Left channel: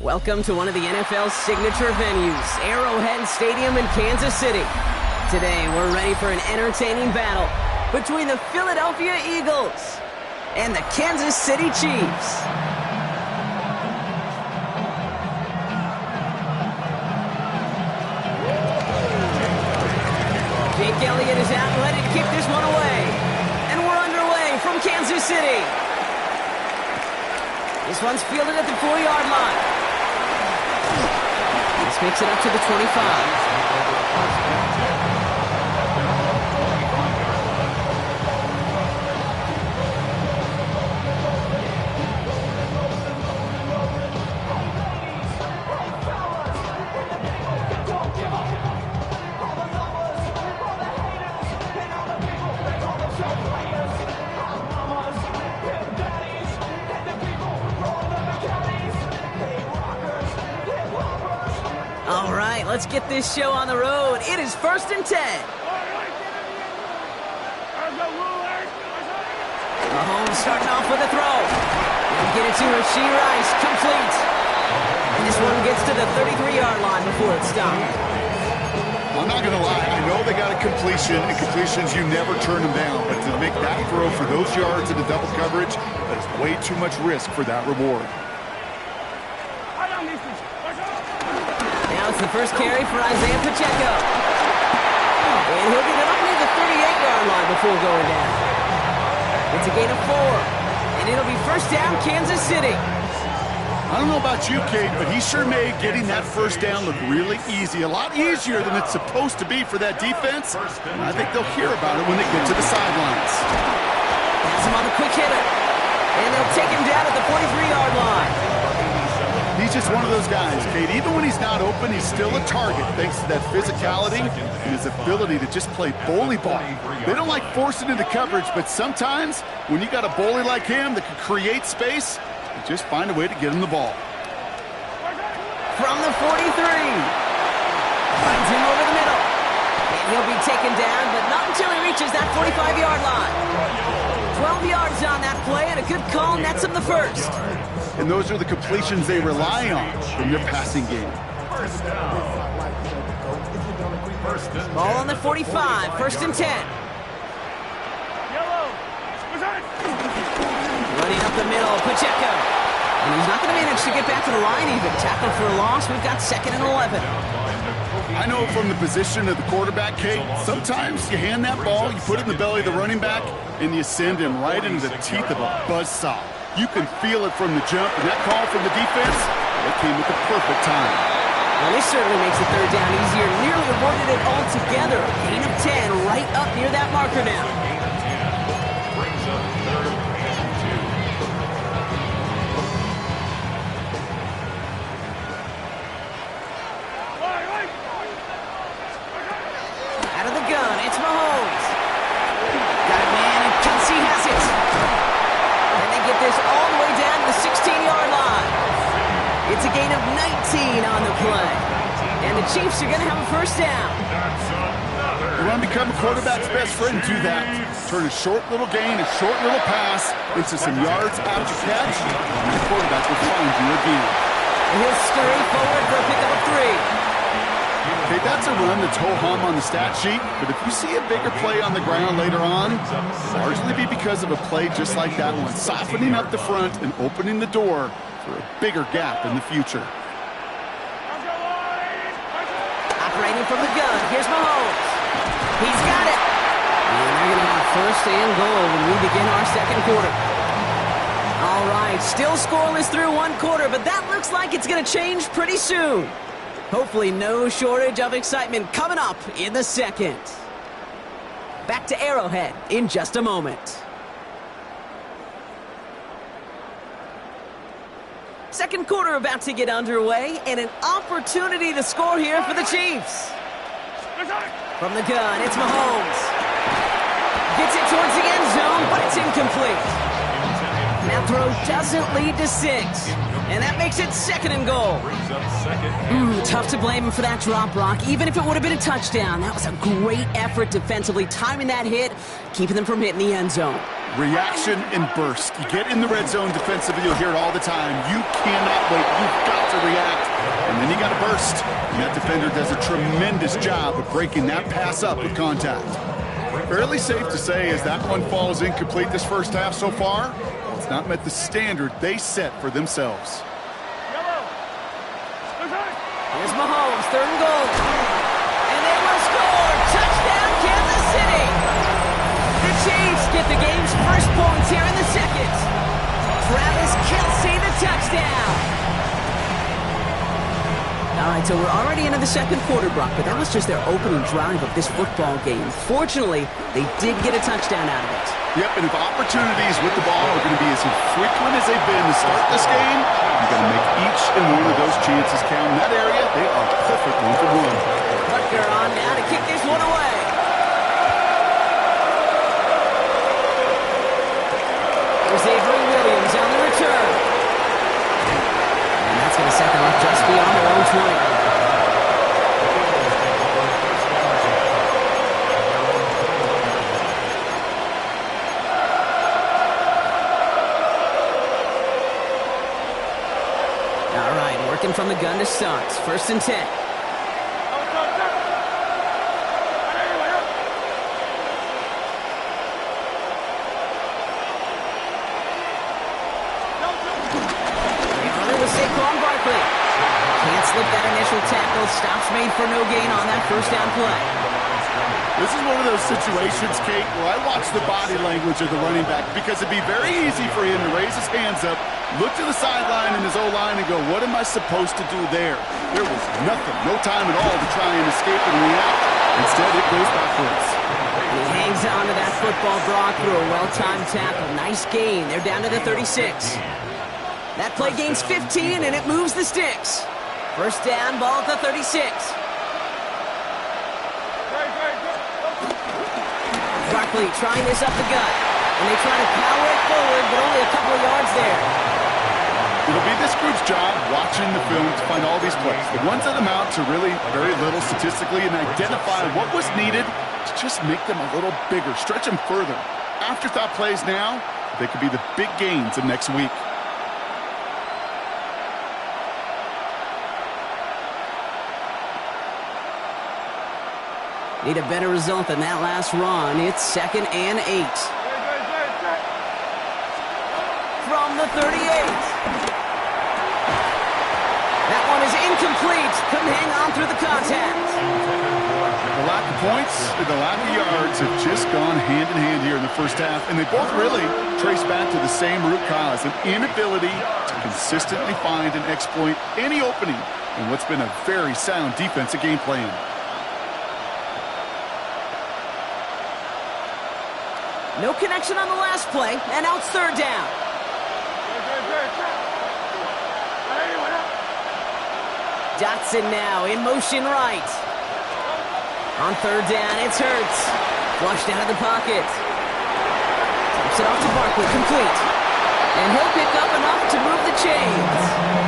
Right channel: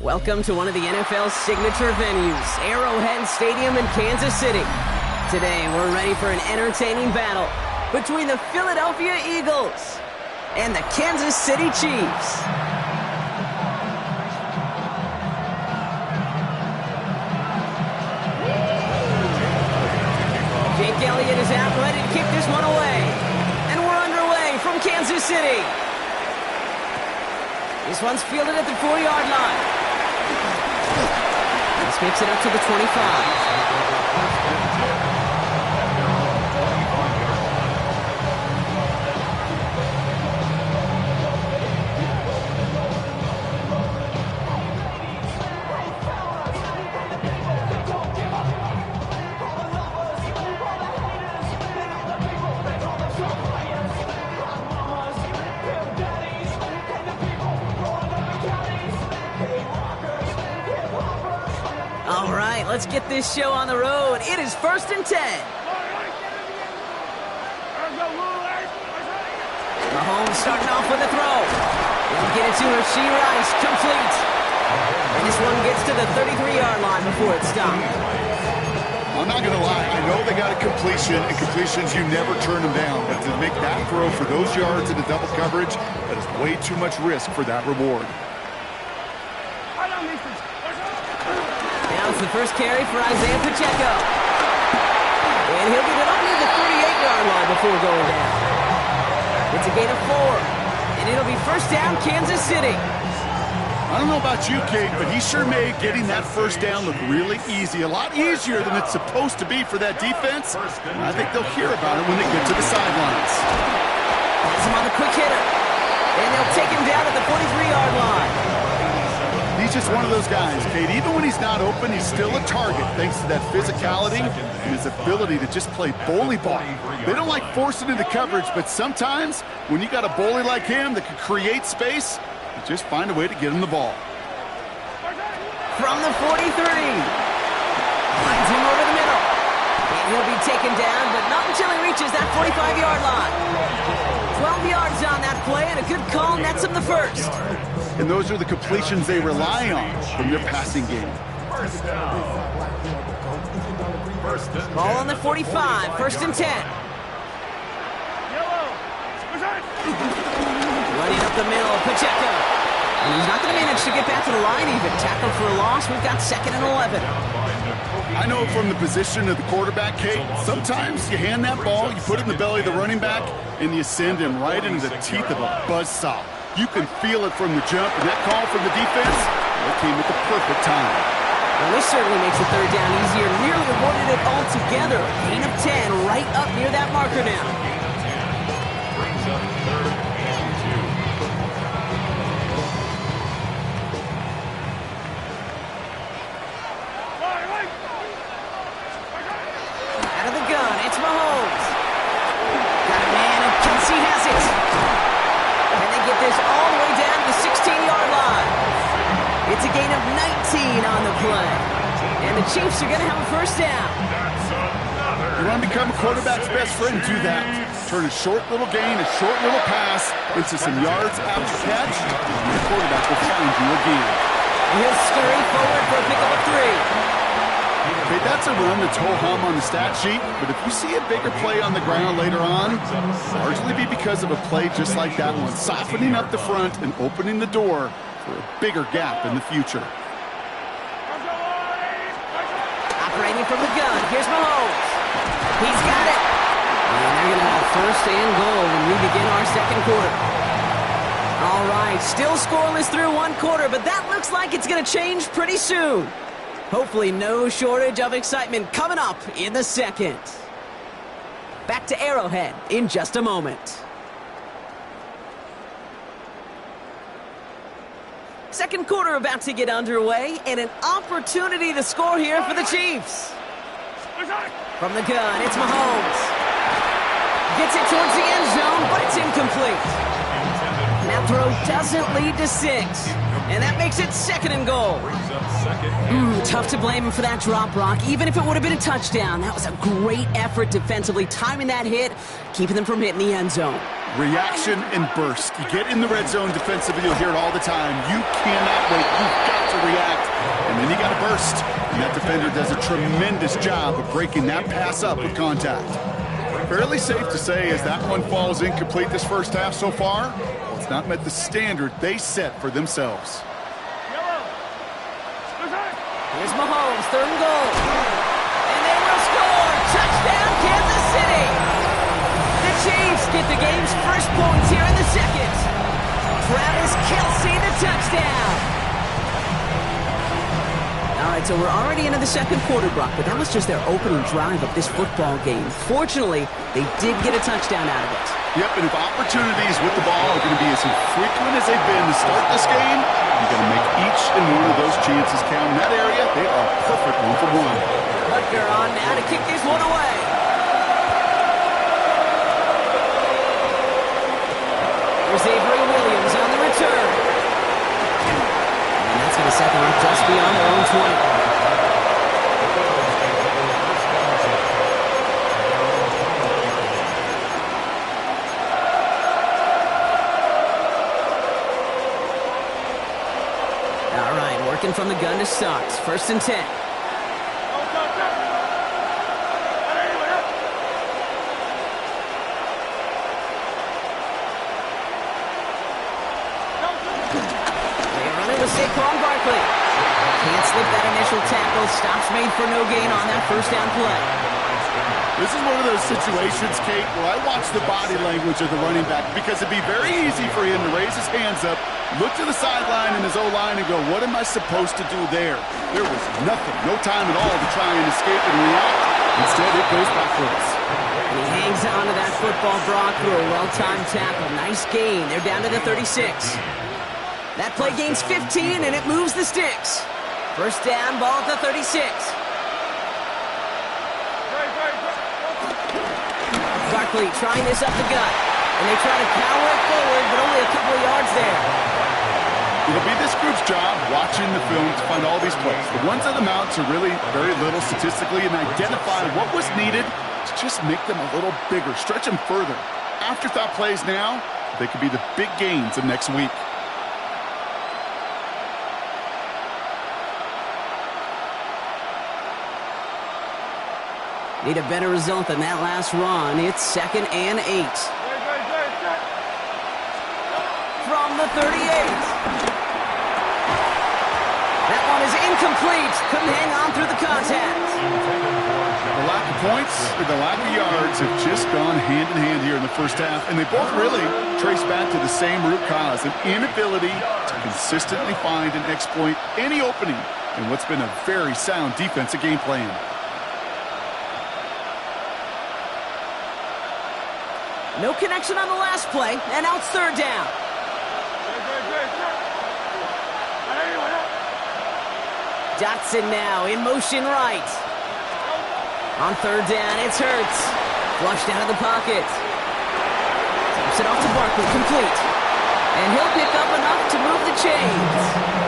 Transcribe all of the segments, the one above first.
Welcome to one of the NFL's signature venues, Arrowhead Stadium in Kansas City. Today, we're ready for an entertaining battle between the Philadelphia Eagles and the Kansas City Chiefs. Jake Elliott is out ready to kick this one away. And we're underway from Kansas City. This one's fielded at the 4-yard line. This makes it up to the 25. All right, let's get this show on the road. It is 1st and 10. Mahomes starting off with a throw. They'll get it to Rashee Rice, complete. And this one gets to the 33-yard line before it's stopped. I'm not going to lie, I know they got a completion, and completions, you never turn them down. But to make that throw for those yards into double coverage, that is way too much risk for that reward. Now it's the first carry for Isaiah Pacheco. And he'll get it up near the 38-yard line before going down. It's a gain of 4. And it'll be first down, Kansas City. I don't know about you, Kate, but he sure made getting that first down look really easy. A lot easier than it's supposed to be for that defense. And I think they'll hear about it when they get to the sidelines. Has him on the quick hitter. And they'll take him down at the 43-yard line. He's just one of those guys, Kate. Even when he's not open, he's still a target thanks to that physicality and his ability to just play bully ball. They don't like forcing into coverage, but sometimes when you got a bully like him that can create space, you just find a way to get him the ball. From the 43. Finds him over the middle. And he'll be taken down, but not until he reaches that 45-yard line. 12 yards on that play, and a good call nets him the first. And those are the completions they rely on from their passing game. Ball on the 45, 1st and 10. Running up the middle, Pacheco. And he's not going to manage to get back to the line even. Tackle for a loss, we've got 2nd and 11. I know from the position of the quarterback, Kate, sometimes you hand that ball, you put it in the belly of the running back, and you send him right into the teeth of a buzzsaw. You can feel it from the jump, and that call from the defense, that came at the perfect time. Well, this certainly makes the third down easier. Nearly avoided it altogether. Gain of 10 right up near that marker now. Gain of 10 brings up 3rd and 2. Out of the gun, it's Mahomes. Got it, man, and Kelsey has it. And they get this all the way down to the 16-yard line. It's a gain of 19 on the play. And the Chiefs are going to have a first down. You want to become a quarterback's best friend, do that. Turn a short little gain, a short little pass into some yards after catch, and the quarterback will find you again. And he'll scurry forward for a pickup of 3. Okay, that's a run that's ho-hum on the stat sheet, but if you see a bigger play on the ground later on, largely be because of a play just like that one, softening up the front and opening the door for a bigger gap in the future. Operating from the gun, here's Mahomes. He's got it. And they're going to have 1st and goal when we begin our 2nd quarter. All right, still scoreless through 1 quarter, but that looks like it's going to change pretty soon. Hopefully no shortage of excitement coming up in the 2nd. Back to Arrowhead in just a moment. 2nd quarter about to get underway, and an opportunity to score here for the Chiefs. From the gun, it's Mahomes. Gets it towards the end zone, but it's incomplete. Now That throw doesn't lead to 6. And that makes it 2nd and goal. Brings up 2nd. Tough to blame him for that drop, Brock. Even if it would have been a touchdown, that was a great effort defensively, timing that hit, keeping them from hitting the end zone. Reaction and burst. You get in the red zone defensively, you'll hear it all the time. You cannot wait. You've got to react. And then you got to burst. And that defender does a tremendous job of breaking that pass up with contact. Fairly safe to say as that one falls incomplete this first half so far, it's not met the standard they set for themselves. Here's Mahomes, 3rd and goal. And they will score. Touchdown, Kansas City. The Chiefs get the game's first points here in the 2nd. Travis Kelce, the touchdown. All right, so we're already into the 2nd quarter, Brock, but that was just their opening drive of this football game. Fortunately, they did get a touchdown out of it. Yep, and if opportunities with the ball are going to be as infrequent as they've been to start this game, you've got to make each and one of those chances count. In that area, they are perfect 1-for-1. Rutger on now to kick this one away. There's Avery Williams on the return. And that's going to set them up just beyond their own 20. All right, working from the gun to start. 1st and 10. Saquon Barkley. Can't slip that initial tackle. Stops made for no gain on that 1st down play. This is one of those situations, Kate, where I watch the body language of the running back because it'd be very easy for him to raise his hands up, look to the sideline in his O-line and go, what am I supposed to do there? There was nothing, no time at all to try and escape and react. Instead, it goes backwards. And he hangs on to that football, Brock, through a well-timed tackle. Nice gain. They're down to the 36. That play gains 15, and it moves the sticks. 1st down, ball at the 36. Barkley trying this up the gut. And they try to power it forward, but only a couple of yards there. It'll be this group's job watching the film to find all these plays. The ones that amount to really very little statistically and identify what was needed to just make them a little bigger, stretch them further. Afterthought plays now, they could be the big gains of next week. Need a better result than that last run. It's 2nd and 8. From the 38. That one is incomplete. Couldn't hang on through the contact. The lack of points and the lack of yards have just gone hand in hand here in the 1st half, and they both really trace back to the same root cause, an inability to consistently find and exploit any opening in what's been a very sound defensive game plan. No connection on the last play, and now it's 3rd down. Dotson now in motion right. On 3rd down, it's Hurts. Flushed out of the pocket. Dumps it off to Barkley, complete. And he'll pick up enough to move the chains.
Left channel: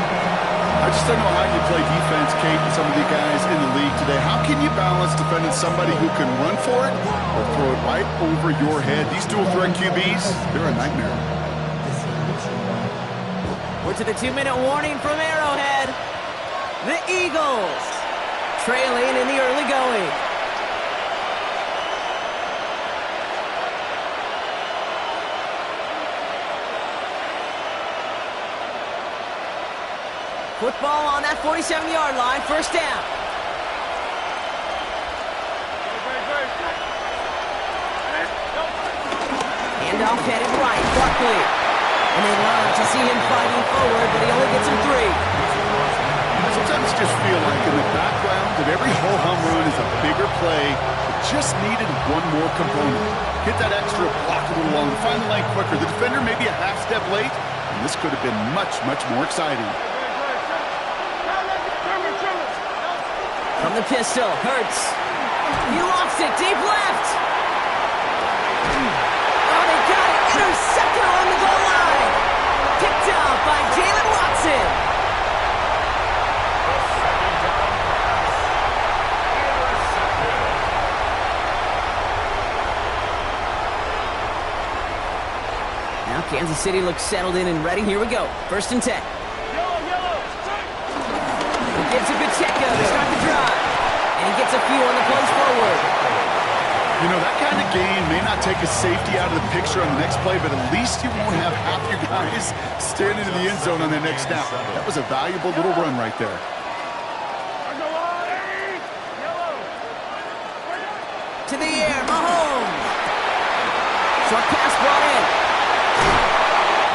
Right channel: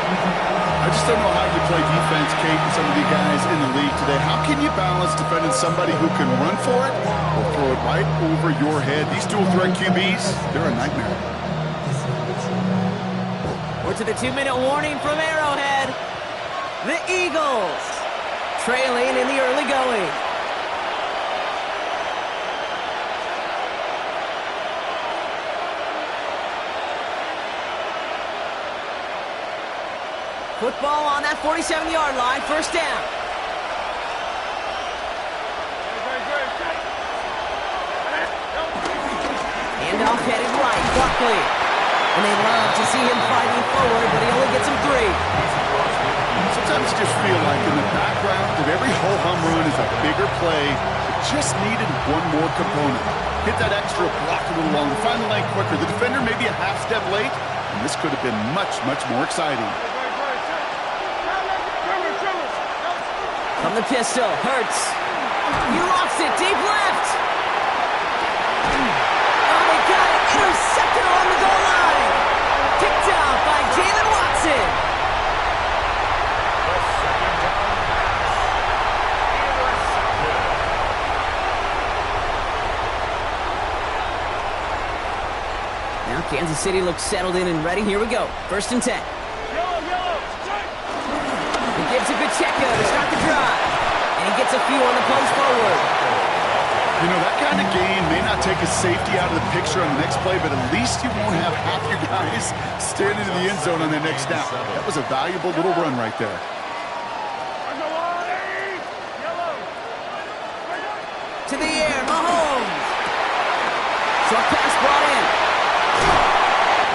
I just don't know how you play defense, Kate, and some of the guys in the league today. How can you balance defending somebody who can run for it or throw it right over your head? These dual-threat QBs, they're a nightmare. We're to the 2-minute warning from Arrowhead. The Eagles trailing in the early going. Football on that 47-yard line, 1st down. Handoff headed right, Barkley. And they love to see him fighting forward, but he only gets him 3. Sometimes you just feel like in the background of every ho-hum run is a bigger play that just needed one more component. Hit that extra block a little longer, find the lane quicker. The defender may be a half step late, and this could have been much, much more exciting. From the pistol, Hurts. He lost it, deep left. Oh, they got it. Intercepted along the goal line. Kansas City looks settled in and ready. Here we go. 1st and 10. He gives it Pacheco to start the drive. And he gets a few on the punch forward. You know, that kind of gain may not take a safety out of the picture on the next play, but at least you won't have half your guys standing in the end zone on the next snap. That was a valuable little run right there. To the air, Mahomes. Short pass brought in.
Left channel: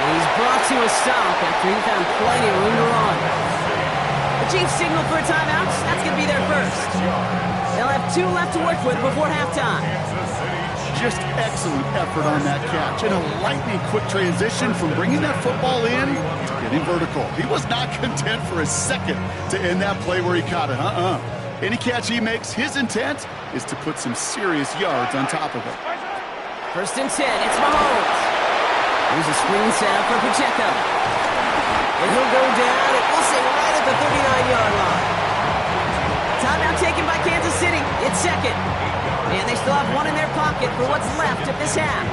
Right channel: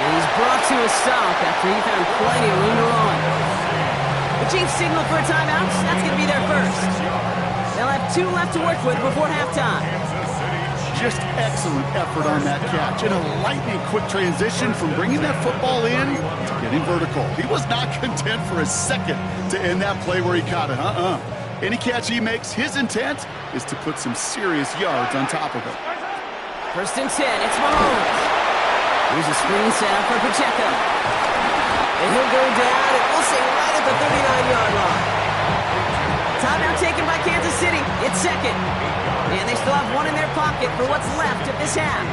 And he's brought to a stop after he found plenty of room to run. The Chiefs signal for a timeout. That's going to be their first. They'll have 2 left to work with before halftime. Just excellent effort on that catch. And a lightning quick transition from bringing that football in to getting vertical. He was not content for a second to end that play where he caught it. Any catch he makes, his intent is to put some serious yards on top of it. 1st and 10, it's Mahomes. Here's a screen set up for Pacheco. And he'll go down, and we'll say right at the 39-yard line. Timeout taken by Kansas City. It's 2nd. And they still have 1 in their pocket for what's left of this half.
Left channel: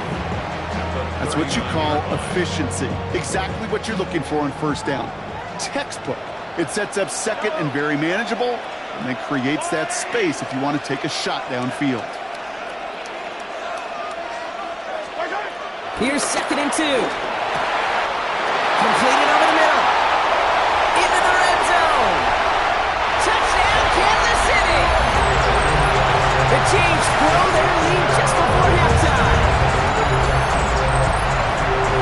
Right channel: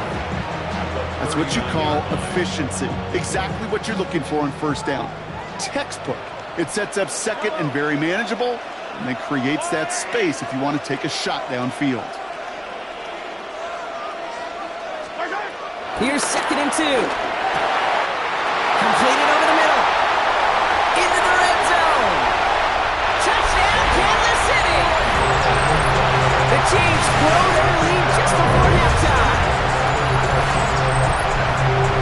That's what you call efficiency. Exactly what you're looking for on 1st down. Textbook. It sets up 2nd and very manageable, and then creates that space if you want to take a shot downfield. Here's 2nd and 2. Completed over the middle. Into the red zone. Touchdown, Kansas City. The Chiefs grow their lead just before halftime.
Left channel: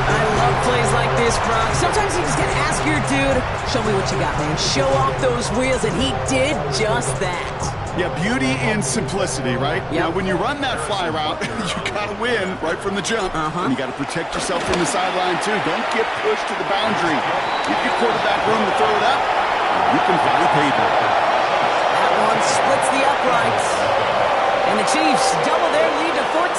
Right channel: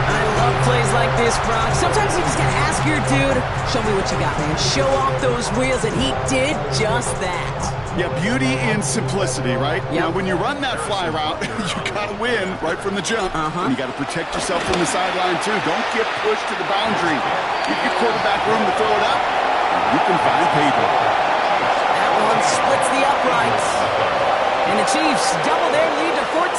I love plays like this, Brock. Sometimes you just got to ask your dude, show me what you got, man. Show off those wheels, and he did just that. Yeah, beauty in simplicity, right? Yep. Now, when you run that fly route, you got to win right from the jump. And you got to protect yourself from the sideline, too. Don't get pushed to the boundary. Give your quarterback room to throw it up, and you can find pavement. That one splits the uprights. And the Chiefs double their lead to 14.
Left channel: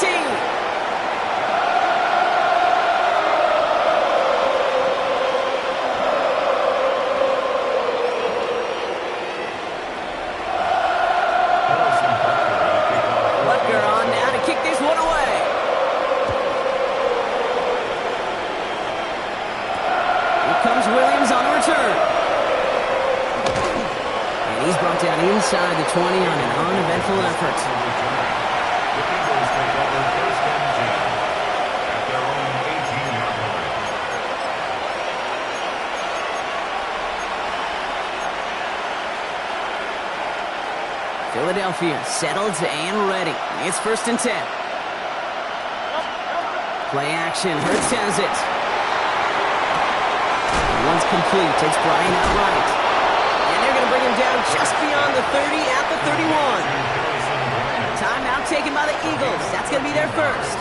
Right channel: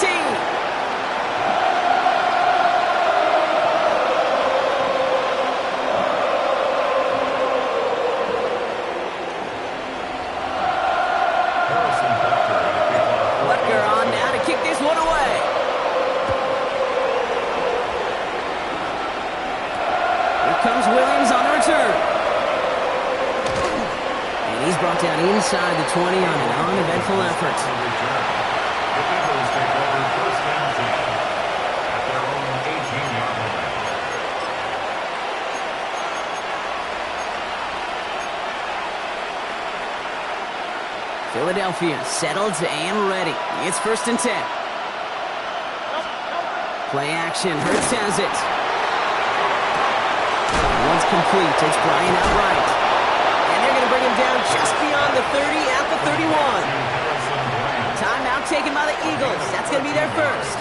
Butker on now to kick this one away. Here comes Williams on the return. And he's brought down inside the 20 on an uneventful effort. The Eagles take over 1st and 10 at their own 18-yard line. Philadelphia settled and ready. It's 1st and 10. Play action. Hurts has it. One's complete. It's Bryant outright. And they're going to bring him down just beyond the 30 at the 31. Timeout taken by the Eagles. That's going to be their first.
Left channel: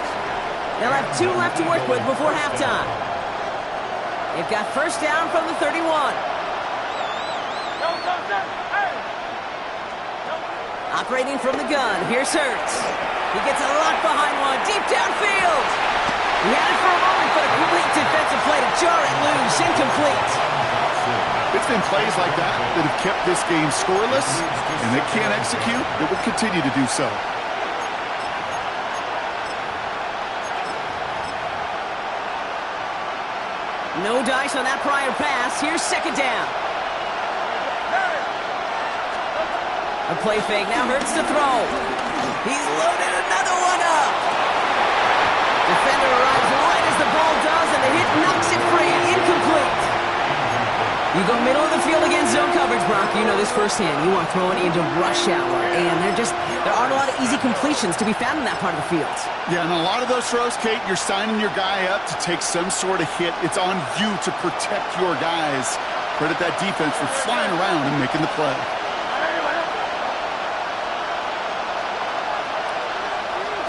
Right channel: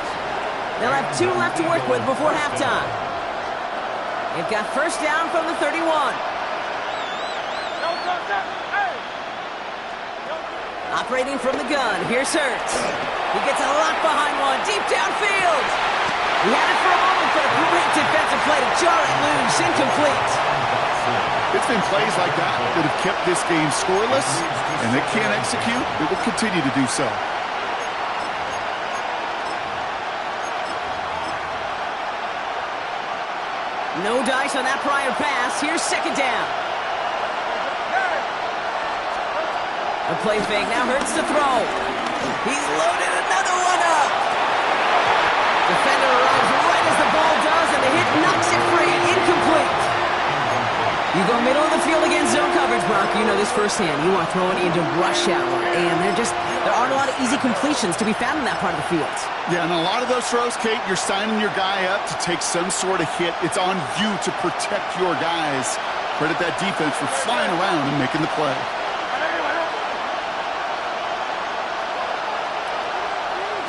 They'll have 2 left to work with before halftime. They've got 1st down from the 31. Operating from the gun, here's Hurts. He gets a lock behind one, deep downfield. He had it for a moment, but a great defensive play to jar it loose, incomplete. It's been plays like that that have kept this game scoreless, and they can't execute. It will continue to do so. No dice on that prior pass. Here's 2nd down. A play fake, now Hurts to throw. He's loaded another one up. Defender arrives right as the ball does, and the hit knocks it free. Incomplete. You go middle of the field against zone coverage, Brock. You know this firsthand. You want to throw it into rush hour, and there aren't a lot of easy completions to be found in that part of the field. Yeah, and a lot of those throws, Kate, you're signing your guy up to take some sort of hit. It's on you to protect your guys. Credit that defense for flying around and making the play.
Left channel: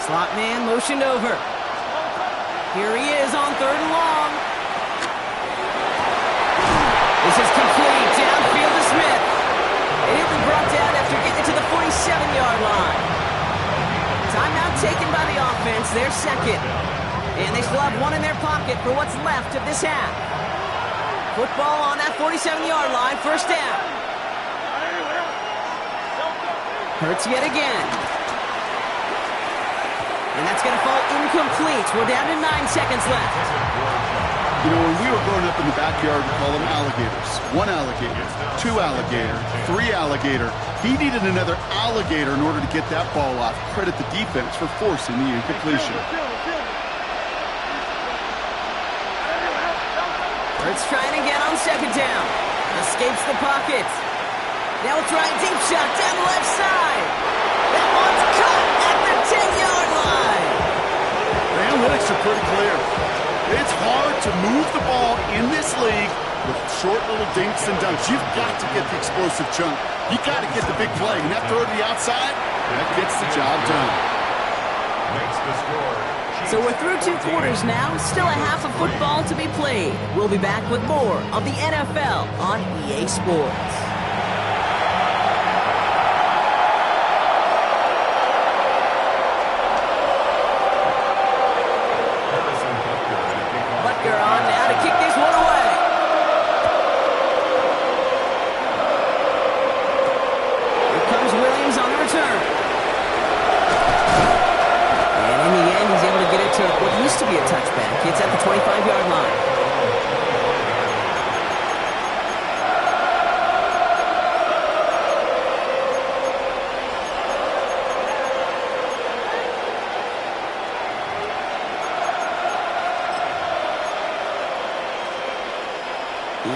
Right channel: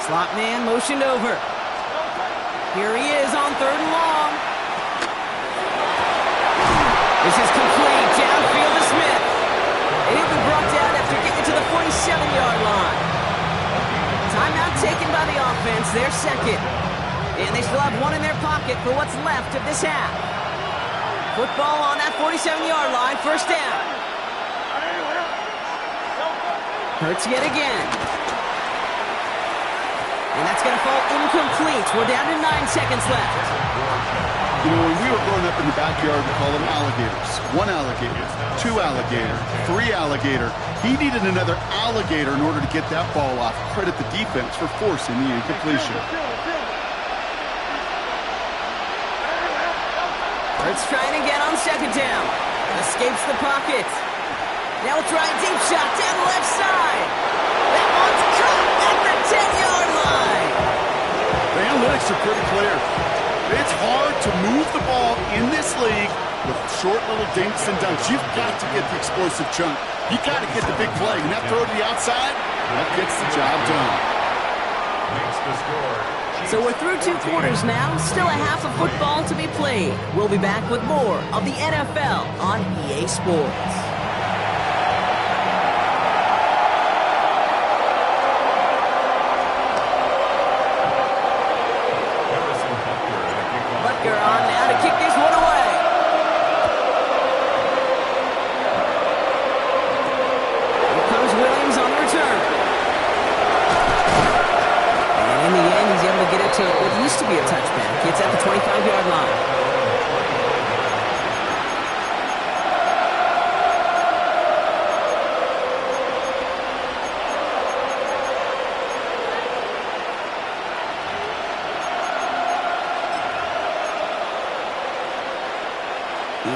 Slot man motioned over. Here he is on 3rd and long. This is complete. Downfield to Smith. And he'll be brought down after getting to the 47-yard line. Timeout taken by the offense. They're 2nd. And they still have 1 in their pocket for what's left of this half. Football on that 47-yard line. 1st down. Hurts yet again. And that's going to fall incomplete. We're down to 9 seconds left. You know, when we were growing up in the backyard, we call them alligators. 1 alligator, 2 alligator, 3 alligator. He needed another alligator in order to get that ball off. Credit the defense for forcing the incompletion. Let's try it again on second down. Escapes the pocket. Now we'll try a deep shot down the left side. That one's caught at the 10-yard line. The analytics are pretty clear. It's hard to move the ball in this league with short little dinks and dunks. You've got to get the explosive chunk. You got to get the big play. And that throw to the outside, that gets the job done. Makes the score. So we're through 2 quarters now. Still a half of football to be played. We'll be back with more of the NFL on EA Sports. Butker on now to kick this one away. Here comes Williams on the return. And in the end, he's able to get it to what used to be a touchback. It's at the 25-yard line.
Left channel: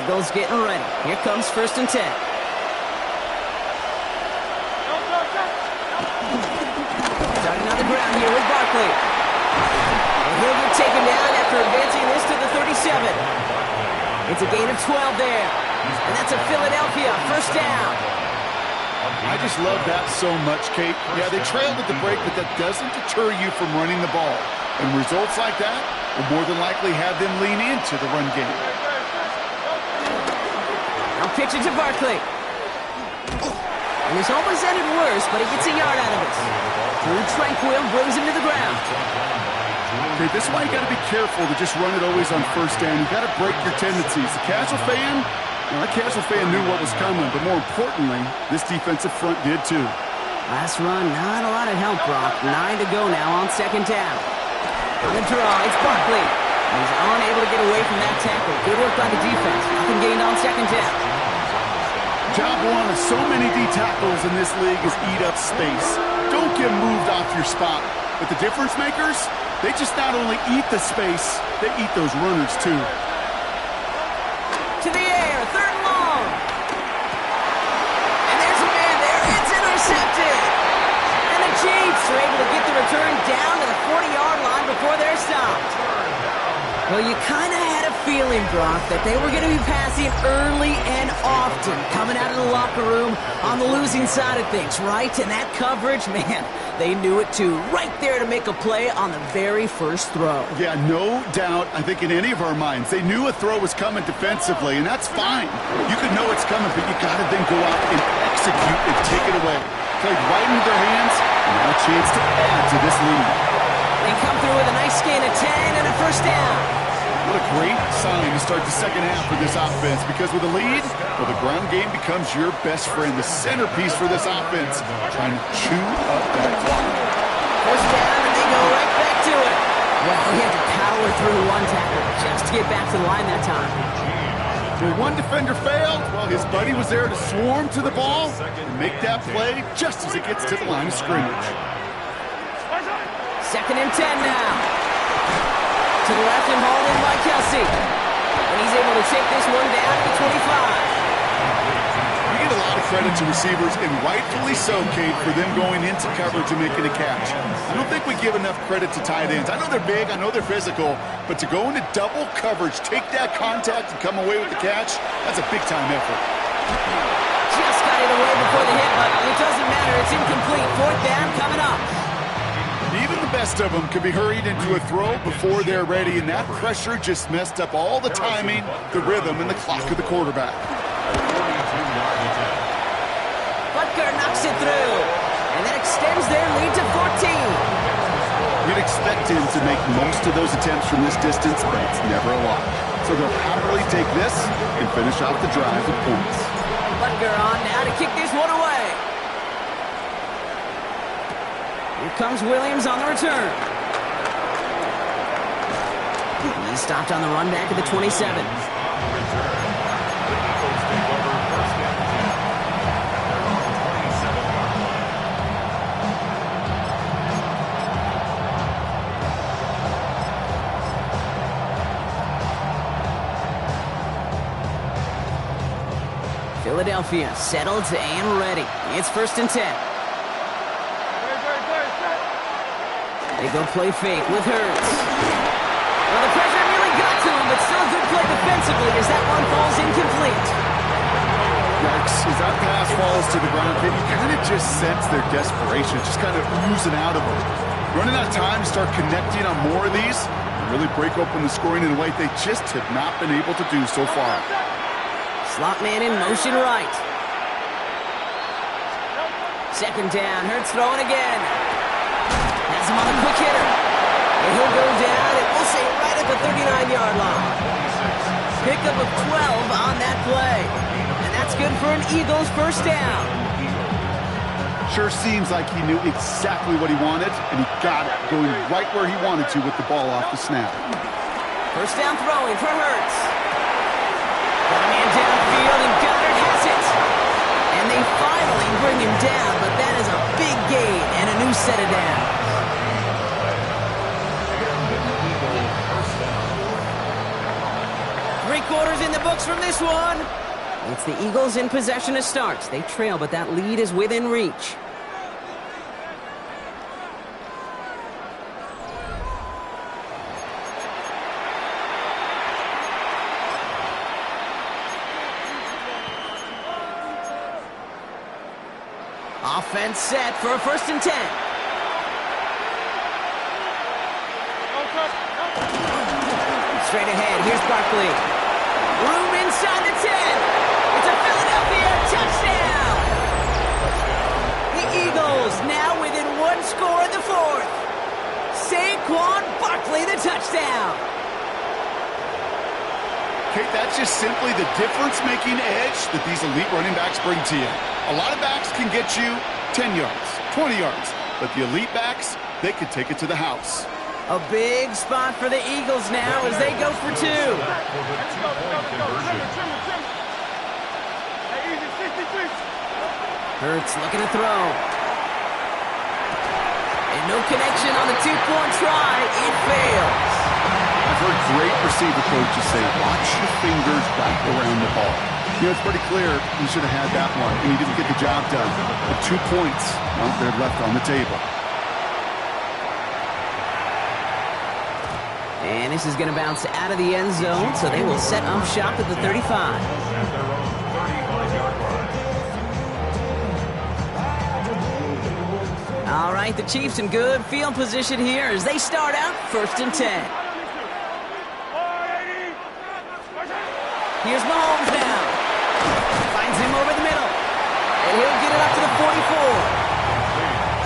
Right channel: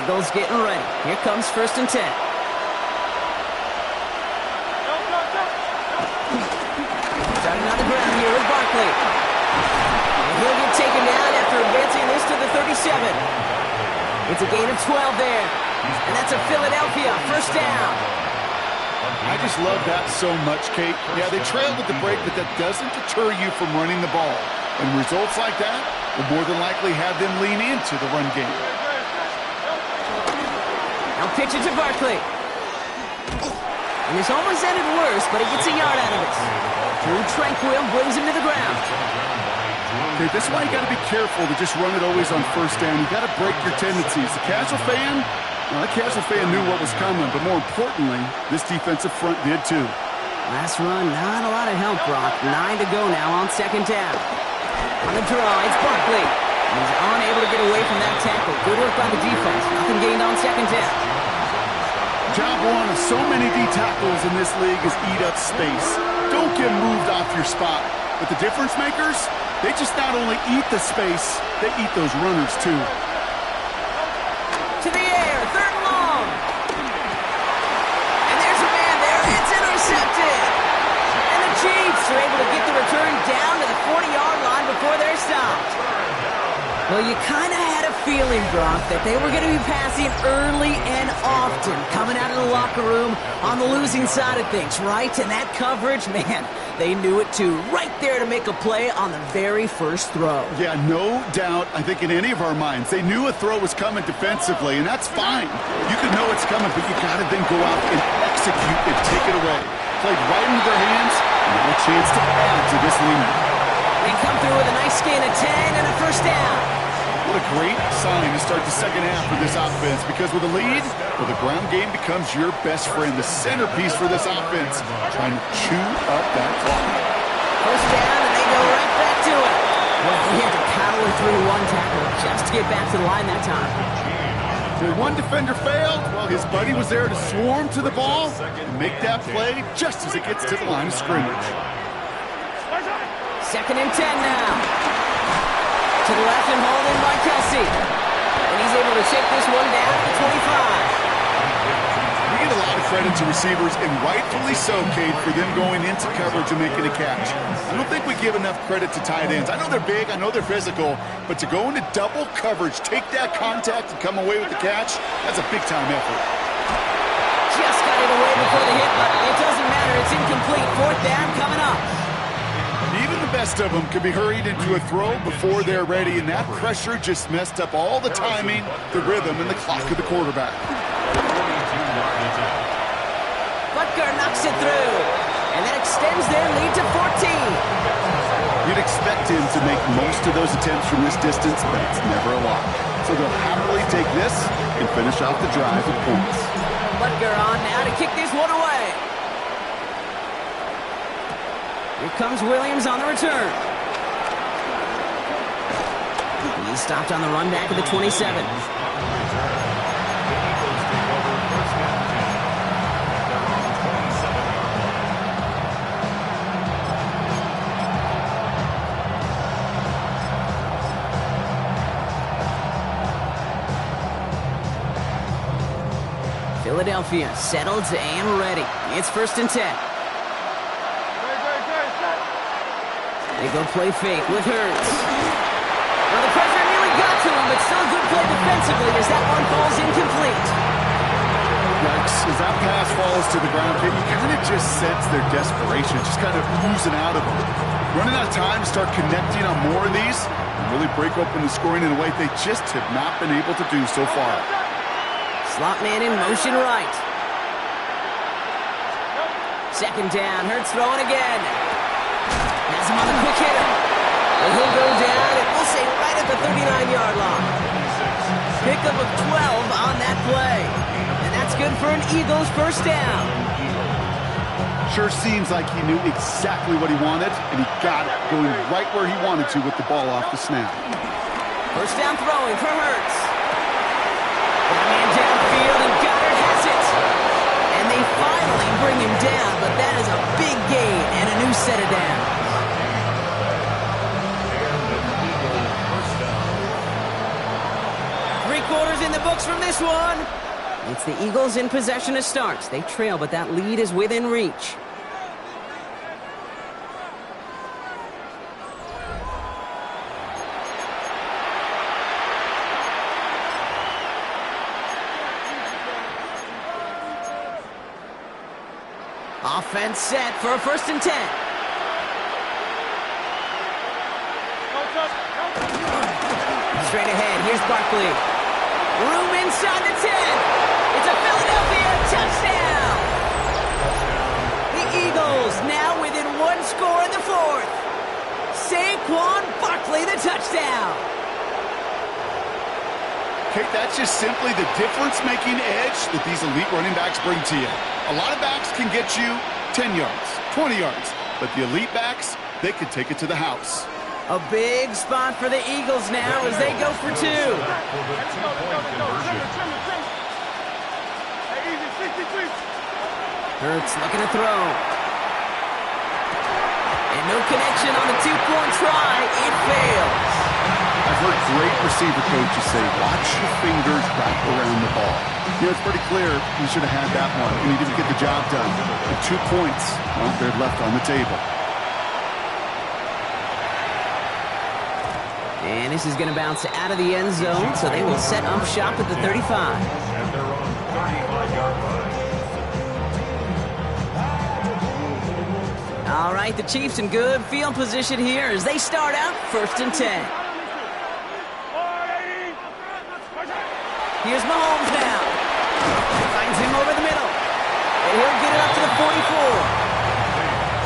Eagles getting ready. Here comes 1st and 10. Starting on the ground here with Barkley. And he'll get taken down after advancing this to the 37. It's a gain of 12 there. And that's a Philadelphia 1st down. I just love that so much, Kate. Yeah, they trailed at the break, but that doesn't deter you from running the ball. And results like that will more than likely have them lean into the run game. Now pitch it to Barkley. And this almost ended worse, but he gets a yard out of it. Drew Tranquil brings him to the ground. Okay, this is why you got to be careful to just run it always on 1st down. You got to break your tendencies. The casual fan, well, that casual fan knew what was coming, but more importantly, this defensive front did too. Last run, not a lot of help, Brock. 9 to go now on 2nd down. On the draw, it's Barkley. He's unable to get away from that tackle. Good work by the defense. Nothing gained on 2nd down. Job one of so many D tackles in this league is eat up space. Don't get moved off your spot. But the difference makers, they just not only eat the space, they eat those runners too. To the air, 3rd and long. And there's a man there. It's intercepted. And the Chiefs are able to get the return down to the 40-yard line before they're stopped. Well, you kind of had a feeling, Brock, that they were going to be passing early and often, coming out of the locker room on the losing side of things, right? And that coverage, man, they knew it too. Right there to make a play on the very first throw. Yeah, no doubt. I think in any of our minds, they knew a throw was coming defensively, and that's fine. You could know it's coming, but you got to then go out and execute and take it away. Played right into their hands, and now a chance to add to this lead. They come through with a nice gain of 10 and a 1st down. What a great sign to start the second half for this offense, because with a lead, well, the ground game becomes your best friend, the centerpiece for this offense, trying to chew up that clock. 1st down, and they go right back to it. Well, he had to power through one tackle just to get back to the line that time. When one defender failed, well, his buddy was there to swarm to the ball and make that play just as it gets to the line of scrimmage. 2nd and 10 now. To the left and hauled in by Kelsey. And he's able to take this one down to the 25. We get a lot of credit to receivers, and rightfully so, Cade, for them going into coverage and making a catch. I don't think we give enough credit to tight ends. I know they're big, I know they're physical, but to go into double coverage, take that contact, and come away with the catch, that's a big-time effort. Just got it away before the hit, but it doesn't matter. It's incomplete. 4th down coming up. Even the best of them could be hurried into a throw before they're ready, and that pressure just messed up all the timing, the rhythm, and the clock of the quarterback. Butker knocks it through, and that extends their lead to 14. You'd expect him to make most of those attempts from this distance, but it's never a lot. So they'll happily take this and finish off the drive with points. Butker on now to kick this one away. Here comes Williams on the return. He stopped on the run back at the 27. On the return, the Eagles take over first and 10 at their own 27-yard line. Philadelphia settled and ready. It's first and 10. They go play fake with Hurts. Well, the pressure nearly got to him, but still a good play defensively as that one falls incomplete. Yikes, as that pass falls to the ground, you kind of just sense their desperation, just kind of oozing out of them. Running out of time to start connecting on more of these and really break open the scoring in a way they just have not been able to do so far. Slot man in motion right. Second down, Hurts throwing again. Has him on the quick hitter. And he'll go down, and we'll say right at the 39-yard line. Pickup of 12 on that play. And that's good for an Eagles first down. Sure seems like he knew exactly what he wanted, and he got it, going right where he wanted to with the ball off the snap. First down throwing for Hurts. Got a man downfield, and Goddard has it. And they finally bring him down, but that is a big gain and a new set of downs. Three quarters in the books from this one. It's the Eagles in possession to start. They trail, but that lead is within reach. Offense set for a first and 10. Straight ahead, here's Barkley. Room inside the 10. It's a Philadelphia touchdown. The Eagles now within one score in the fourth. Saquon Barkley, the touchdown. Kate, that's just simply the difference-making edge that these elite running backs bring to you. A lot of backs can get you 10 yards, 20 yards, but the elite backs, they can take it to the house. A big spot for the Eagles now as they go for two. Hurts looking to throw. And no connection on the two-point try. It fails. I've heard great receiver coaches say, watch your fingers wrap around the ball. You know, it's pretty clear he should have had that one, and he didn't get the job done. And 2 points, well, they're left on the table. And this is going to bounce out of the end zone, so they will set up shop at the 35. At their own 35-yard line. All right, the Chiefs in good field position here as they start out first and 10. Here's Mahomes now. Finds him over the middle. And he'll get it up to the 44.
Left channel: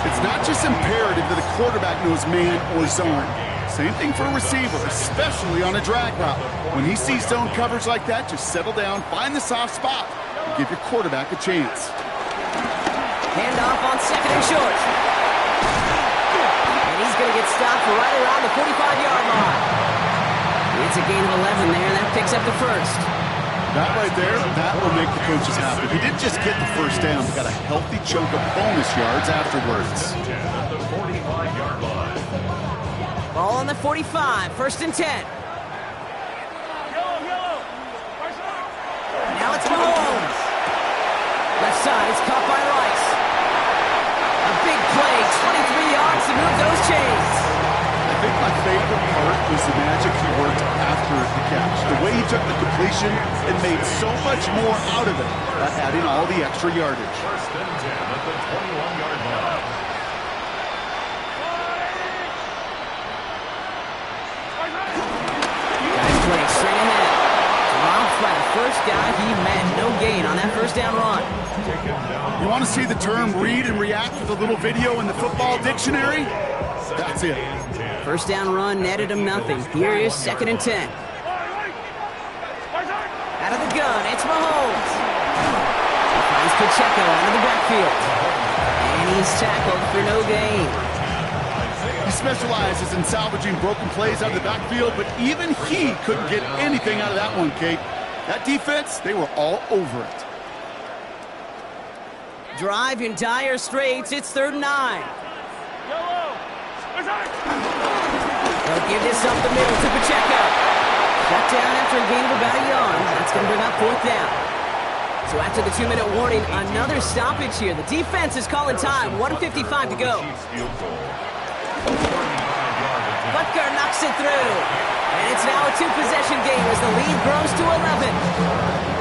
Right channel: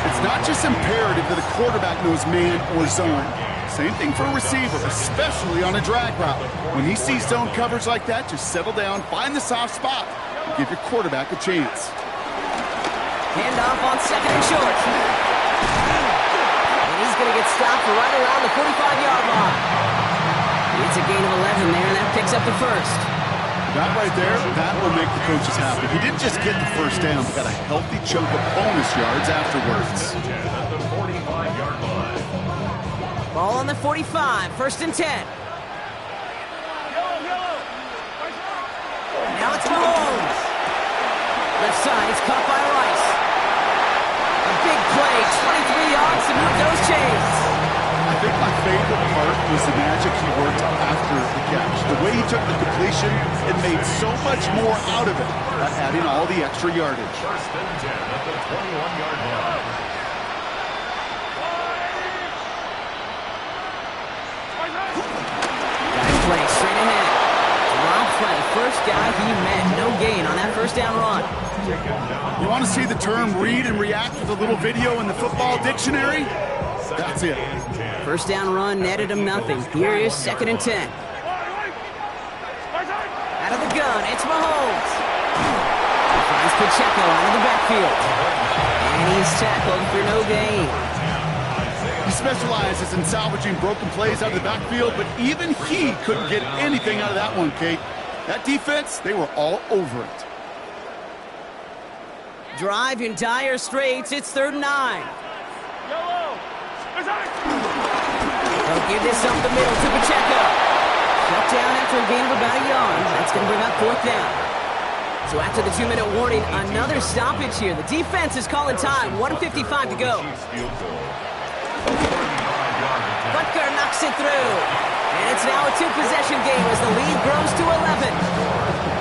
It's not just imperative that a quarterback knows man or zone. Same thing for a receiver, especially on a drag route. When he sees zone coverage like that, just settle down, find the soft spot, and give your quarterback a chance. Handoff on second and short. And he's going to get stopped right around the 45-yard line. It's a gain of 11 there, and that picks up the first. That right there, that will make the coaches happy. He didn't just get the first down, but got a healthy chunk of bonus yards afterwards. At the 45-yard line. Ball on the 45, first and 10. Now it's Mahomes. Left side, it's caught by Rice. A big play, 23 yards to move those chains. I think my favorite part was the magic he worked after the catch. The way he took the completion and made so much more out of it by adding all the extra yardage. First and 10 at the 21-yard line. Guy play straight ahead. Dropped by the first guy he met. No gain on that first down run. You want to see the term read and react with a little video in the football dictionary? That's it. First down run netted him nothing. Here is second and 10. Out of the gun, it's Mahomes. He finds Pacheco out of the backfield. And he's tackled for no gain. He specializes in salvaging broken plays out of the backfield, but even he couldn't get anything out of that one, Kate. That defense, they were all over it. Drive in dire straits. It's 3rd and 9. They'll give this up the middle to Pacheco. Shut down after a gain of about a yard. That's going to bring up 4th down. So after the 2-minute warning, another stoppage here. The defense is calling time. 1:55 to go. Butker knocks it through. And it's now a 2-possession game as the lead grows to 11.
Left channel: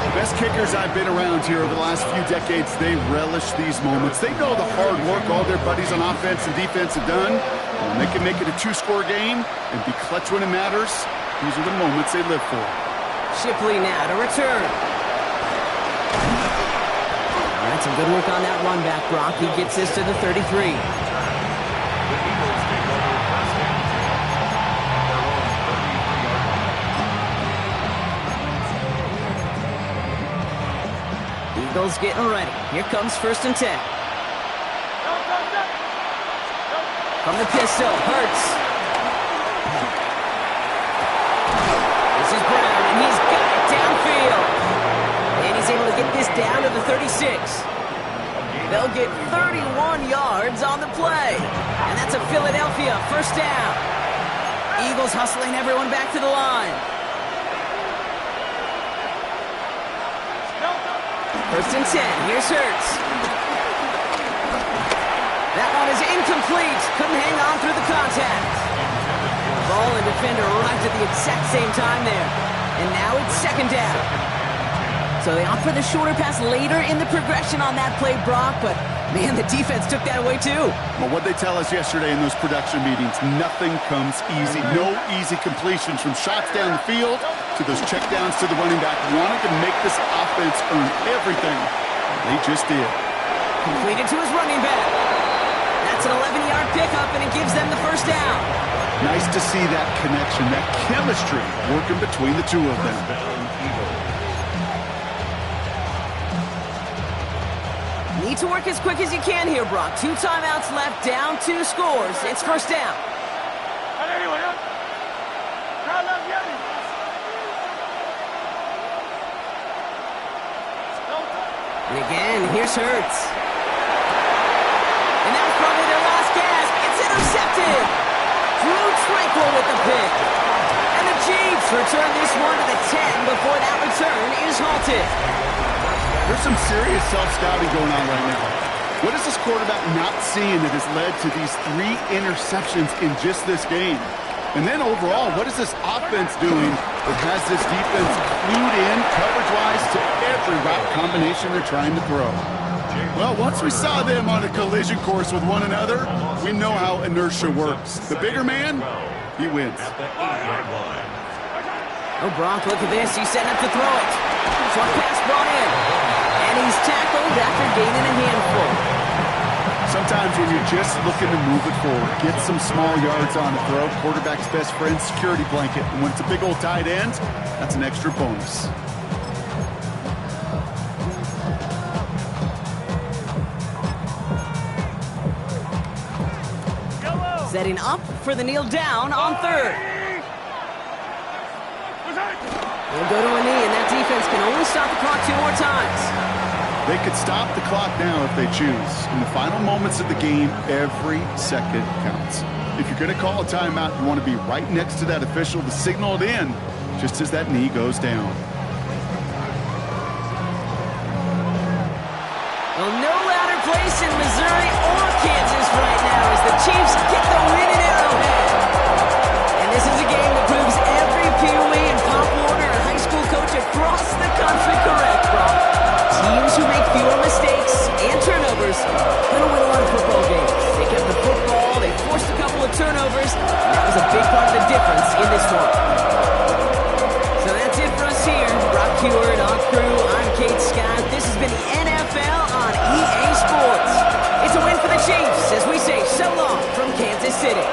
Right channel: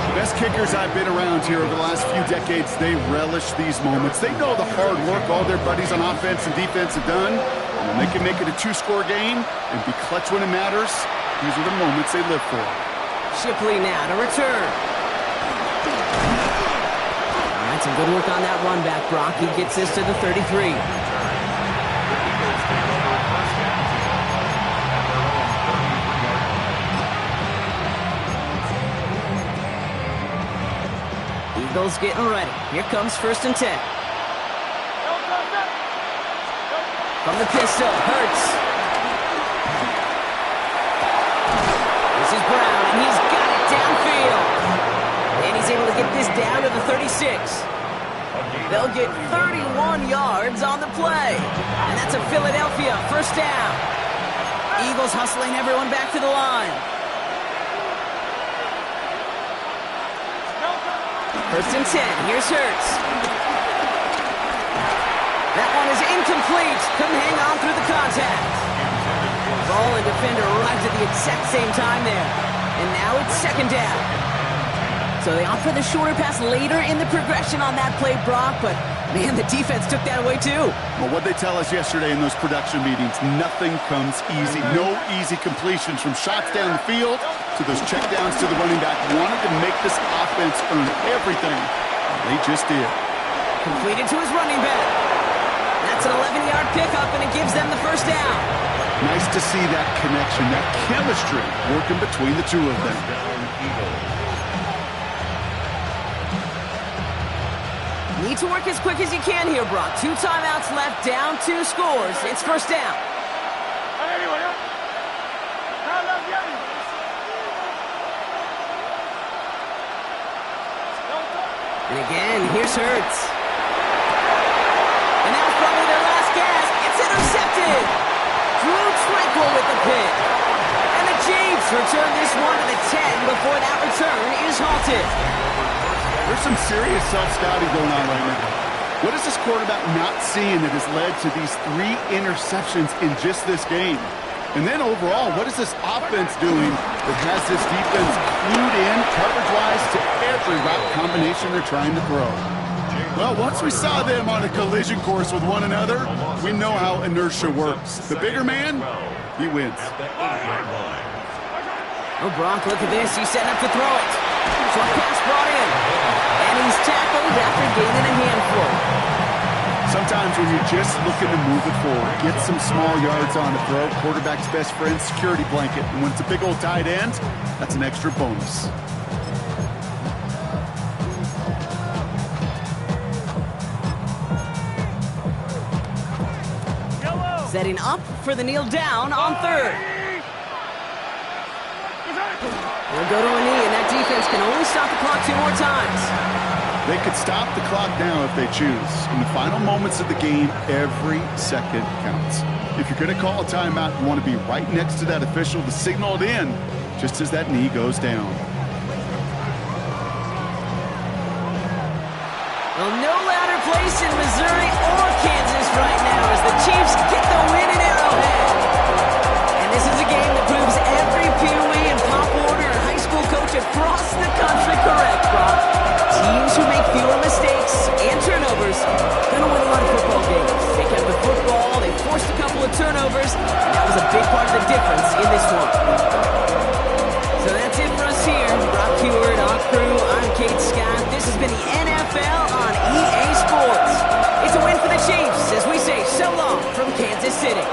The best kickers I've been around here over the last few decades, they relish these moments. They know the hard work all their buddies on offense and defense have done. And when they can make it a 2-score game and be clutch when it matters, these are the moments they live for. Shipley now to return. All right, some good work on that run back, Brock. He gets this to the 33. The Eagles take over 1st and 10 at their own 33-yard line. Eagles getting ready. Here comes 1st and 10. From the pistol, Hurts. This is Brown, and he's got it downfield. And he's able to get this down to the 36. They'll get 31 yards on the play. And that's a Philadelphia 1st down. Eagles hustling everyone back to the line. 1st and 10. Here's Hurts. That one is incomplete. Couldn't hang on through the contact. Ball and defender arrived at the exact same time there. And now it's 2nd down. So they opt for the shorter pass later in the progression on that play, Brock, but man, the defense took that away too. Well, what they tell us yesterday in those production meetings, nothing comes easy. No easy completions from shots down the field to those checkdowns to the running back. Wanted to make this offense earn everything. They just did. Completed to his running back. That's an 11-yard pickup, and it gives them the 1st down. Nice to see that connection, that chemistry working between the two of them. Need to work as quick as you can here, Brock. 2 timeouts left, down 2 scores. It's 1st down. And again, here's Hurts. And that was probably their last gasp. It's intercepted. Drew Tranquil with the pick. And the Chiefs return this one to the 10 before that return is halted. There's some serious self-scouting going on right now. What is this quarterback not seeing that has led to these 3 interceptions in just this game? And then overall, what is this offense doing that has this defense clued in coverage-wise to every route combination they're trying to throw? Well, once we saw them on a collision course with one another, we know how inertia works. The bigger man, he wins. Oh, Brock, look at this. He's setting up to throw it. Short pass brought in. And he's tackled after gaining a handful. Sometimes when you're just looking to move it forward, get some small yards on a throw, quarterback's best friend, security blanket. And when it's a big old tight end, that's an extra bonus. Setting up for the kneel down on 3rd. They'll go to a knee, and that defense can only stop the clock 2 more times. They could stop the clock now if they choose. In the final moments of the game, every second counts. If you're going to call a timeout, you want to be right next to that official to signal it in just as that knee goes down. Well, no louder place in Missouri or Kansas right now as the Chiefs get the win in Arrowhead. And this is a game that proves every Pee Wee and Pop Warner and high school coach across the country correct, Brock. Teams who make fewer mistakes and turnovers gonna win a lot of football games. They kept the football, they forced a couple of turnovers, and that was a big part of the difference in this one. So that's it for us here. Brock Heward, on crew, I'm Kate Scott. This has been the NFL on EA Sports. It's a win for the Chiefs as we say so long from Kansas City.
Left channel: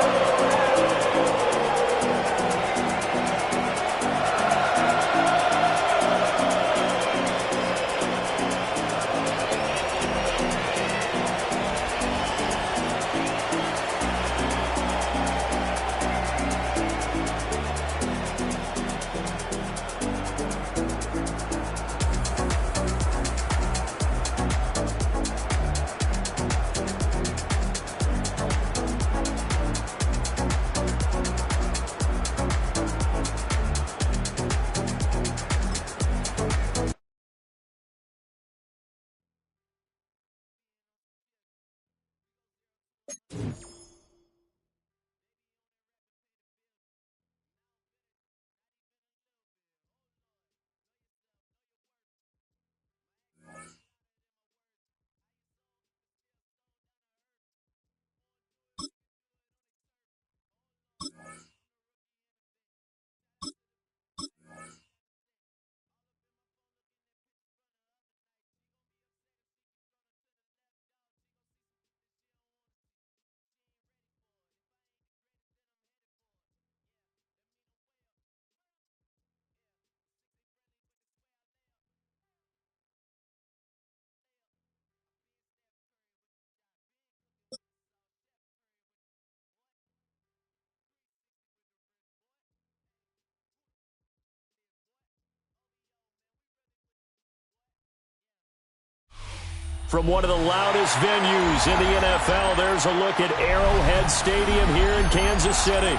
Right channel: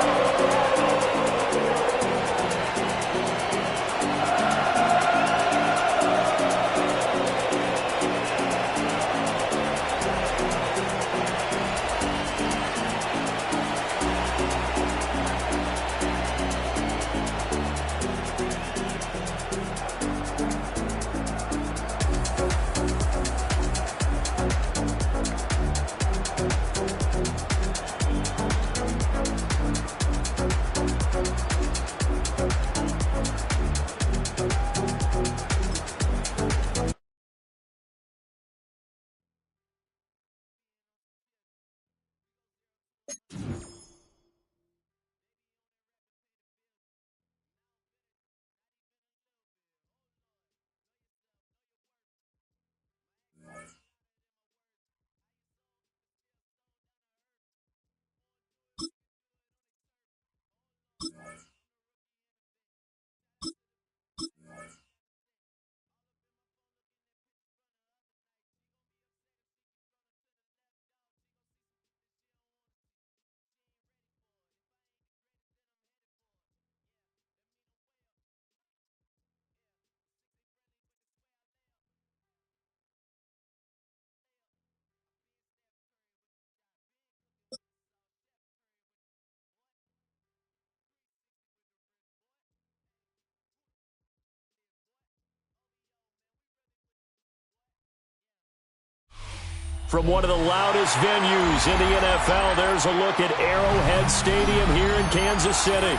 From one of the loudest venues in the NFL, there's a look at Arrowhead Stadium here in Kansas City.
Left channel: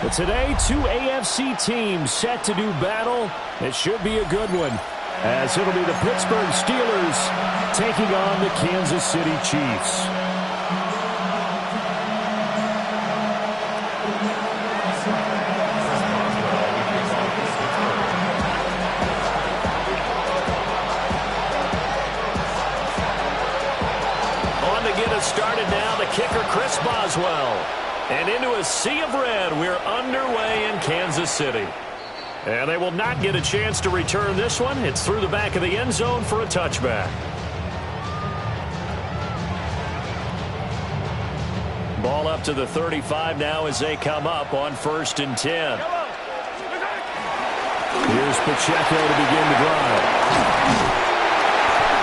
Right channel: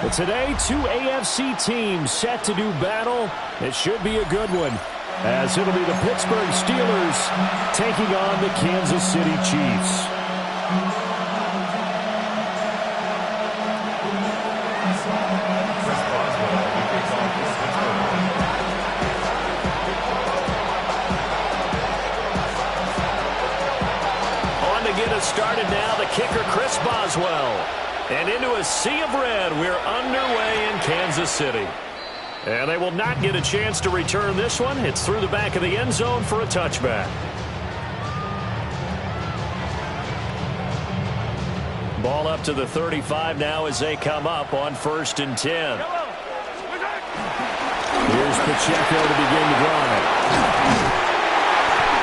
But today, two AFC teams set to do battle. It should be a good one, as it'll be the Pittsburgh Steelers taking on the Kansas City Chiefs. Get us started now, the kicker Chris Boswell. And into a sea of red, we're underway in Kansas City. And they will not get a chance to return this one. It's through the back of the end zone for a touchback. Ball up to the 35 now as they come up on 1st and 10. Here's Pacheco to begin the drive.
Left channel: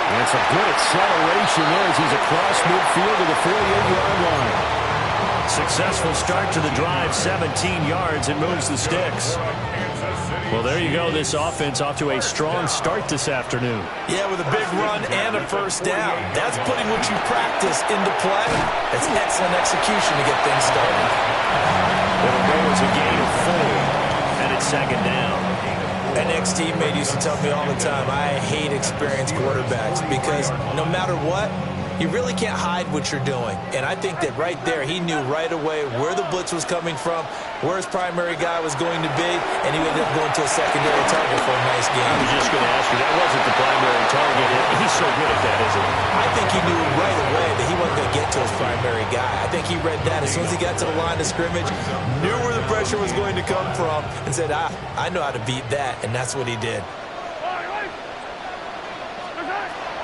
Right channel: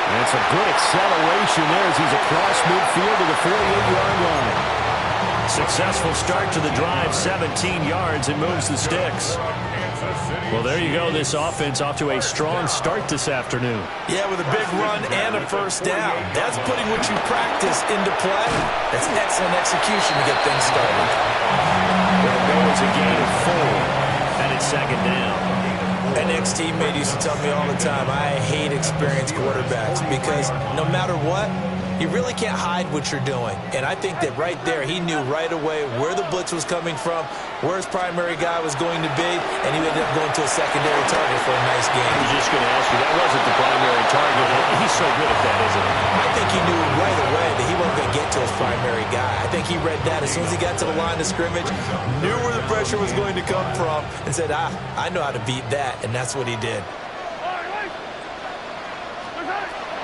And some good acceleration there as he's across midfield to the 48-yard line. Successful start to the drive, 17 yards, and moves the sticks. Well, there you go. This offense off to a strong start this afternoon. Yeah, with a big run and a first down. That's putting what you practice into play. That's excellent execution to get things started. It'll go as a gain of 4, and it's 2nd down. An ex-teammate used to tell me all the time, I hate experienced quarterbacks because no matter what, you really can't hide what you're doing. And I think that right there, he knew right away where the blitz was coming from, where his primary guy was going to be, and he ended up going to a secondary target for a nice game. I was just going to ask you, that wasn't the primary target. He's so good at that, isn't he? I think he knew right away that he wasn't going to get to his primary guy. I think he read that as soon as he got to the line of scrimmage, knew where the pressure was going to come from, and said, I know how to beat that, and that's what he did.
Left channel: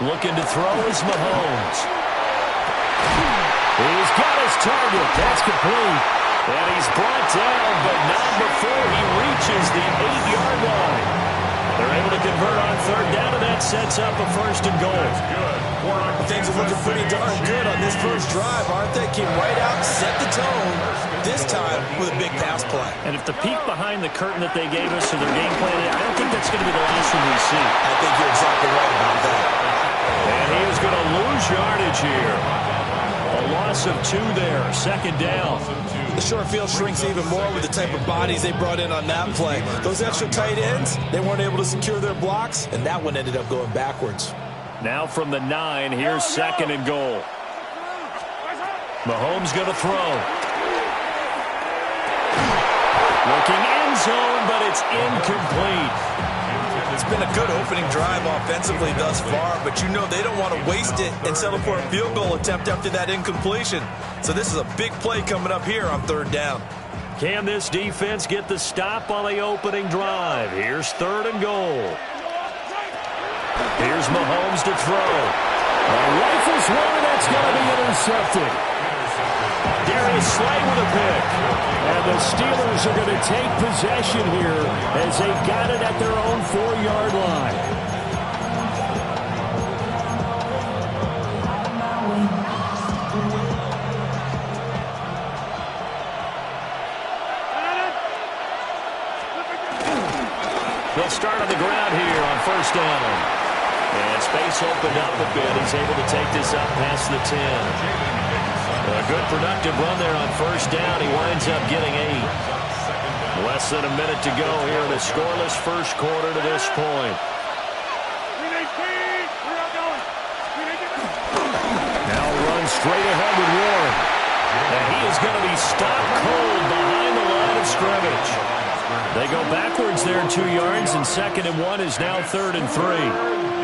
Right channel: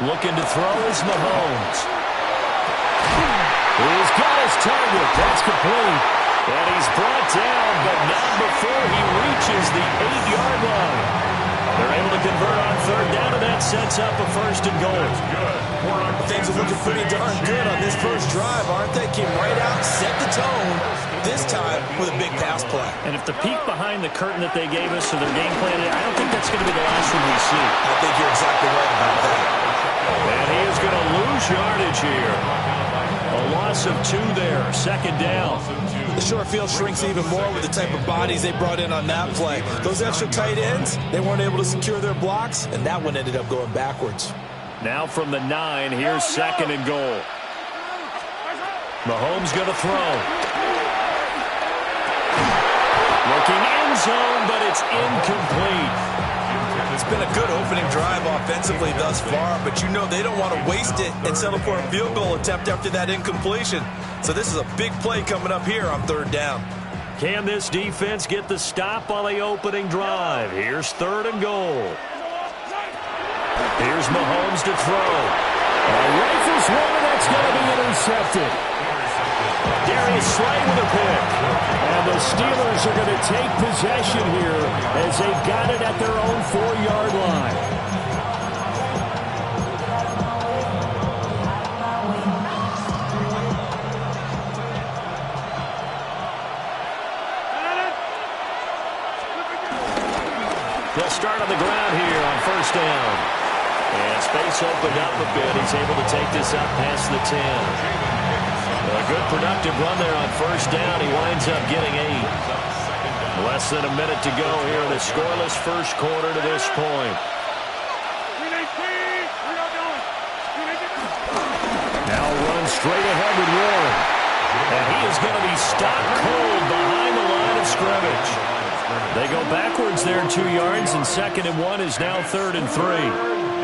Looking to throw is Mahomes. He's got his target. That's complete. And he's brought down, but not before he reaches the 8-yard line. They're able to convert on 3rd down, and that sets up a 1st and goal. Things are looking pretty darn good on this first drive, aren't they? Came right out, set the tone, this time with a big pass play. And if the peek behind the curtain that they gave us to their game plan, I don't think that's going to be the last one we see. I think you're exactly right about that. And he is going to lose yardage here. A loss of 2 there, 2nd down. The short field shrinks even more with the type of bodies they brought in on that play. Those extra tight ends, they weren't able to secure their blocks, and that one ended up going backwards. Now from the 9, here's 2nd and goal. Mahomes going to throw. Looking end zone, but it's incomplete. It's been a good opening drive offensively thus far, but you know they don't want to waste it and settle for a field goal attempt after that incompletion. So this is a big play coming up here on 3rd down. Can this defense get the stop on the opening drive? Here's 3rd and goal. Here's Mahomes to throw. Rifles one, and that's going to be intercepted. Darius Slay with a pick. And the Steelers are going to take possession here as they've got it at their own 4-yard line. They'll start on the ground here on 1st down. And space opened up a bit. He's able to take this up past the 10. A good productive run there on 1st down. He winds up getting 8. Less than a minute to go here in a scoreless first quarter to this point. Now runs straight ahead with Warren. And he is going to be stopped cold behind the line of scrimmage. They go backwards there 2 yards, and 2nd and 1 is now 3rd and 3.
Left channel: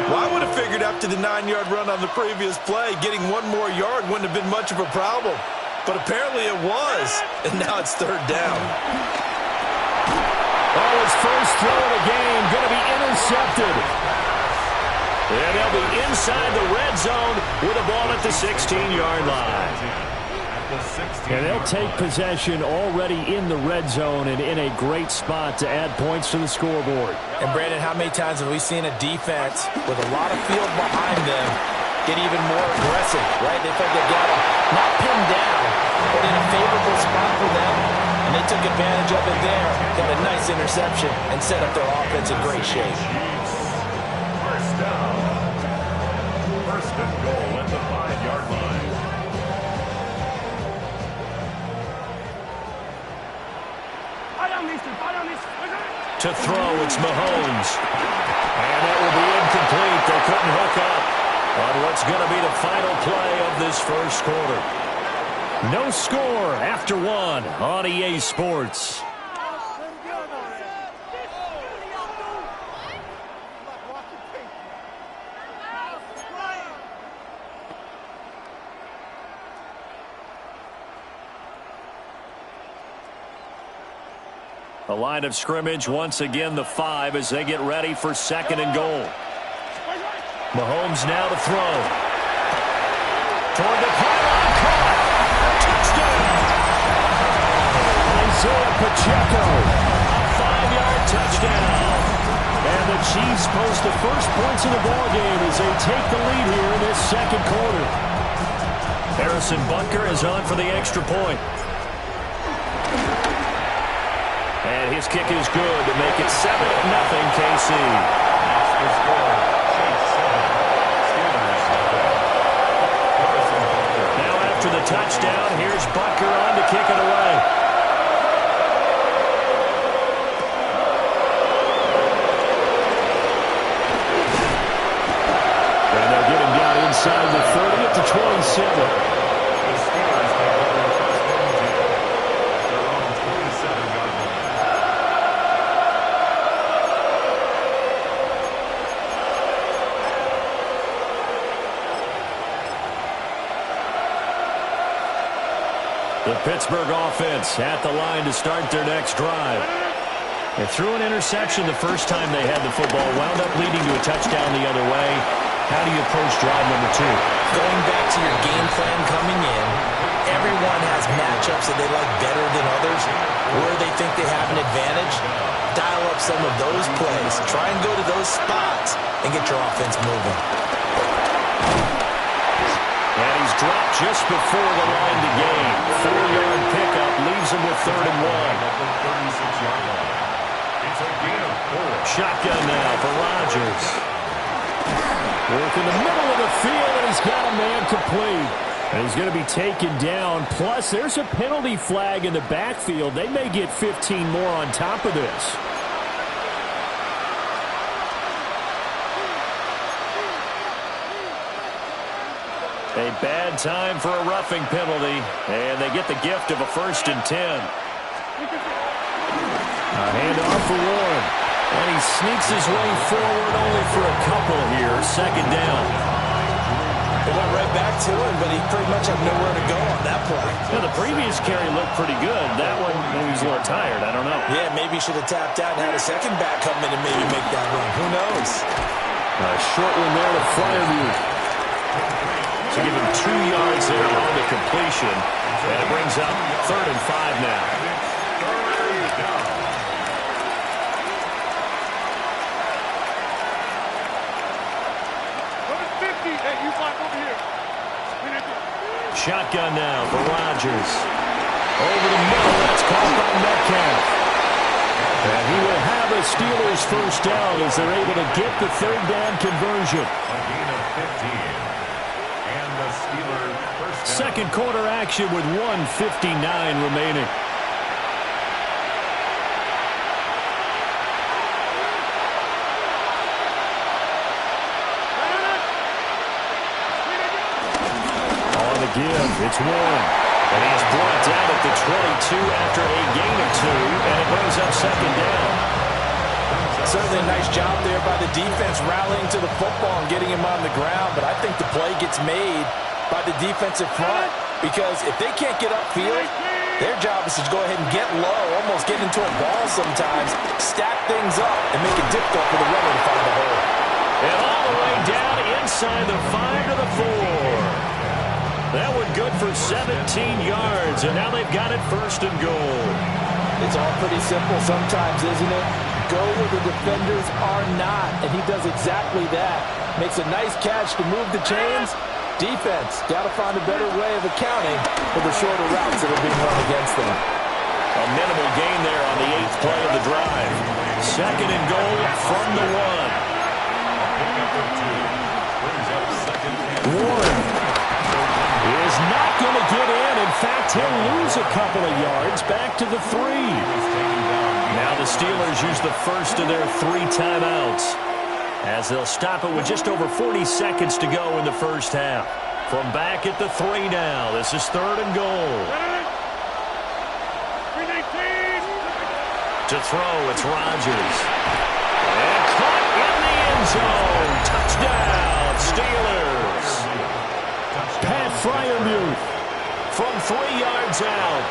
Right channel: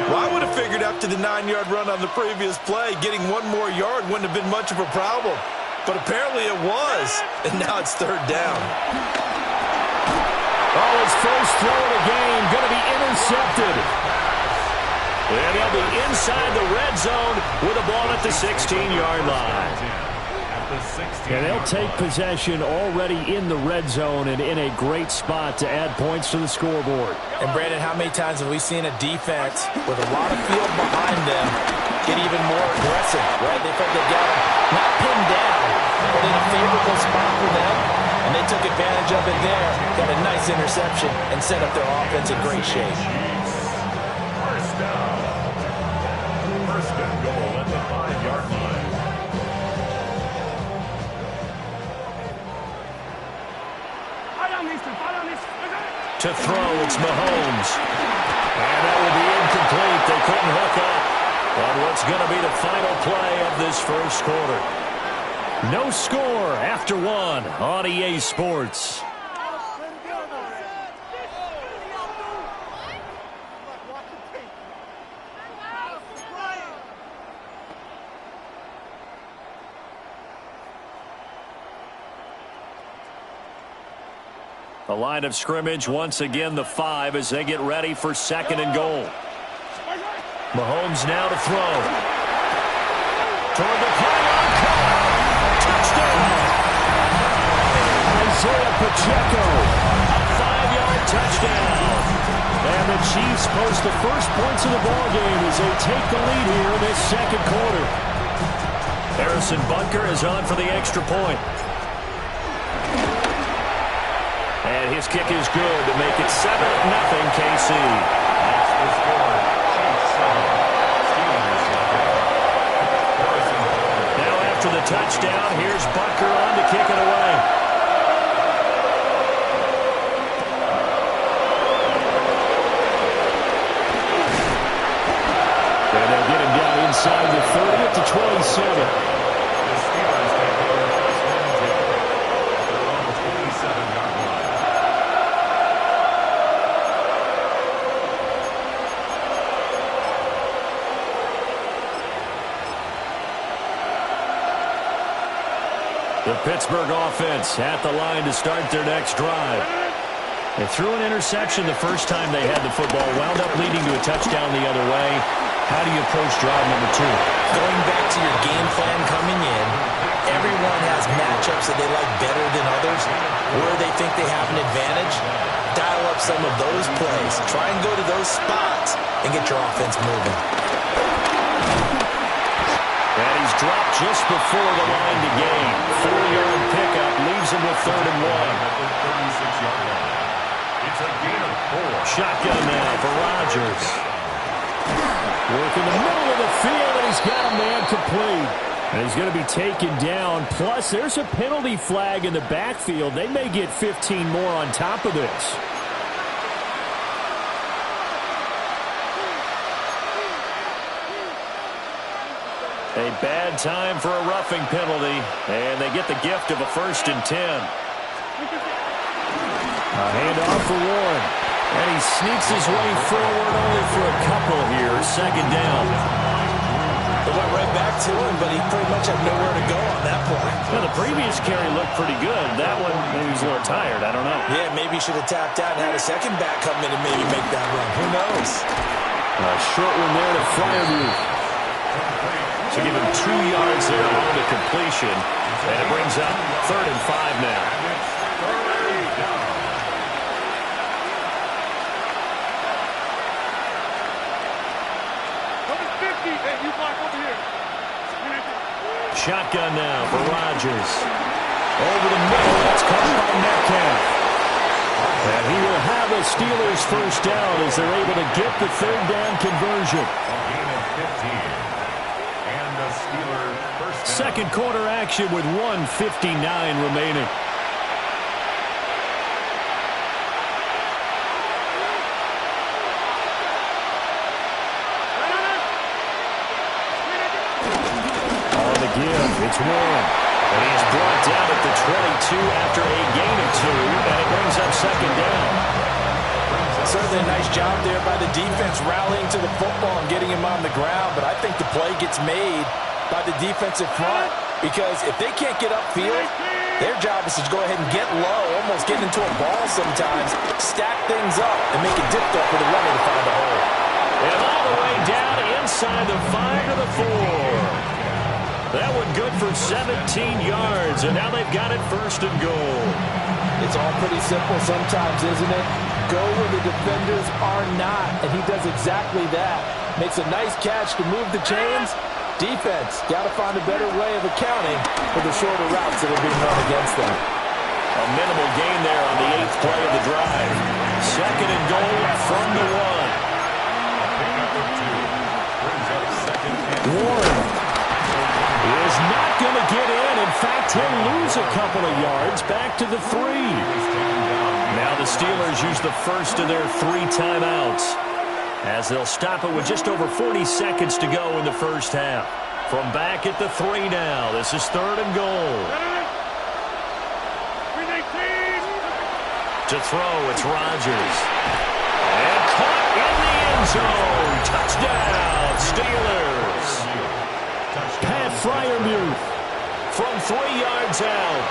Well, I would have figured after the 9-yard run on the previous play, getting 1 more yard wouldn't have been much of a problem. But apparently it was, and now it's 3rd down. Oh, his first throw of the game going to be intercepted. And they'll be inside the red zone with a ball at the 16-yard line. And they'll take possession already in the red zone and in a great spot to add points to the scoreboard. And, Brandon, how many times have we seen a defense with a lot of field behind them get even more aggressive, right? They felt they've got them not pinned down, but in a favorable spot for them, and they took advantage of it there. Got a nice interception and set up their offense in great shape. First down. 1st and goal at the 5-yard line. To throw, it's Mahomes. And that will be incomplete. They couldn't hook up on what's going to be the final play of this first quarter. No score after 1 on EA Sports. The line of scrimmage, once again, the 5 as they get ready for 2nd and goal. Mahomes now to throw. Toward the pylon, caught. Touchdown. Isaiah Pacheco, a 5-yard touchdown. And the Chiefs post the first points of the ballgame as they take the lead here in this 2nd quarter. Harrison Butker is on for the extra point. And his kick is good to make it 7-0 KC. That's the score. Chiefs 7. Steelers 0. Harrison Butker. Now after the touchdown, here's Butker on to kick it away. And they'll get him down inside the 30 at the 27. The Steelers take over 1st and 10 at their own 27-yard line. The Pittsburgh offense at the line to start their next drive. They threw an interception the first time they had the football, wound up leading to a touchdown the other way. How do you approach drive number 2? Going back to your game plan coming in, everyone has matchups that they like better than others, where they think they have an advantage. Dial up some of those plays. Try and go to those spots and get your offense moving. And he's dropped just before the line to gain. 4-yard pickup leaves him with 3rd and 1. At the 36-yard line. It's a gain of 4. Shotgun now for Rodgers. Work in the middle of the field, and he's got a man complete. And he's going to be taken down. Plus, there's a penalty flag in the backfield. They may get 15 more on top of this. A bad time for a roughing penalty, and they get the gift of a 1st and 10. A handoff for Warren, and he sneaks his way forward only for a couple here. 2nd down. It went right back to him, but he pretty much had nowhere to go on that play. Now, the previous carry looked pretty good. That one, maybe he's a little tired. I don't know. Yeah, maybe he should have tapped out and had a second back come in and maybe make that run. Who knows? A short one there to Fryermuth. So give him 2 yards there on the completion. And it brings up 3rd and 5 now. Shotgun now for Rodgers. Over the middle, that's caught by Metcalf. And he will have a Steelers 1st down as they're able to get the 3rd down conversion. A gain of 15. And the Steelers 1st down. 2nd quarter action with 1:59 remaining. Give. It's Warren. And he is brought down at the 22 after a gain of 2, and it brings up second down. Certainly a nice job there by the defense rallying to the football and getting him on the ground, but I think the play gets made by the defensive front because if they can't get upfield, their job is to go ahead and get low, almost get into a ball sometimes, stack things up, and make it difficult for the runner to find a hole. And all the way down inside the 5 to the 4. That one good for 17 yards, and now they've got it first and goal. It's all pretty simple sometimes, isn't it? Go where the defenders are not, and he does exactly that. Makes a nice catch to move the chains. Defense, got to find a better way of accounting for the shorter routes that are being run against them. A minimal gain there on the 8th play of the drive. Second and goal from the 1. Pickup of 2. Brings up second and Warren is not going to get in. In fact, he'll lose a couple of yards back to the 3. Now the Steelers use the first of their 3 timeouts as they'll stop it with just over 40 seconds to go in the first half. From back at the 3 now, this is third and goal. To throw, it's Rodgers. And caught in the end zone. Touchdown, Steelers. Pat Freiermuth from 3 yards out.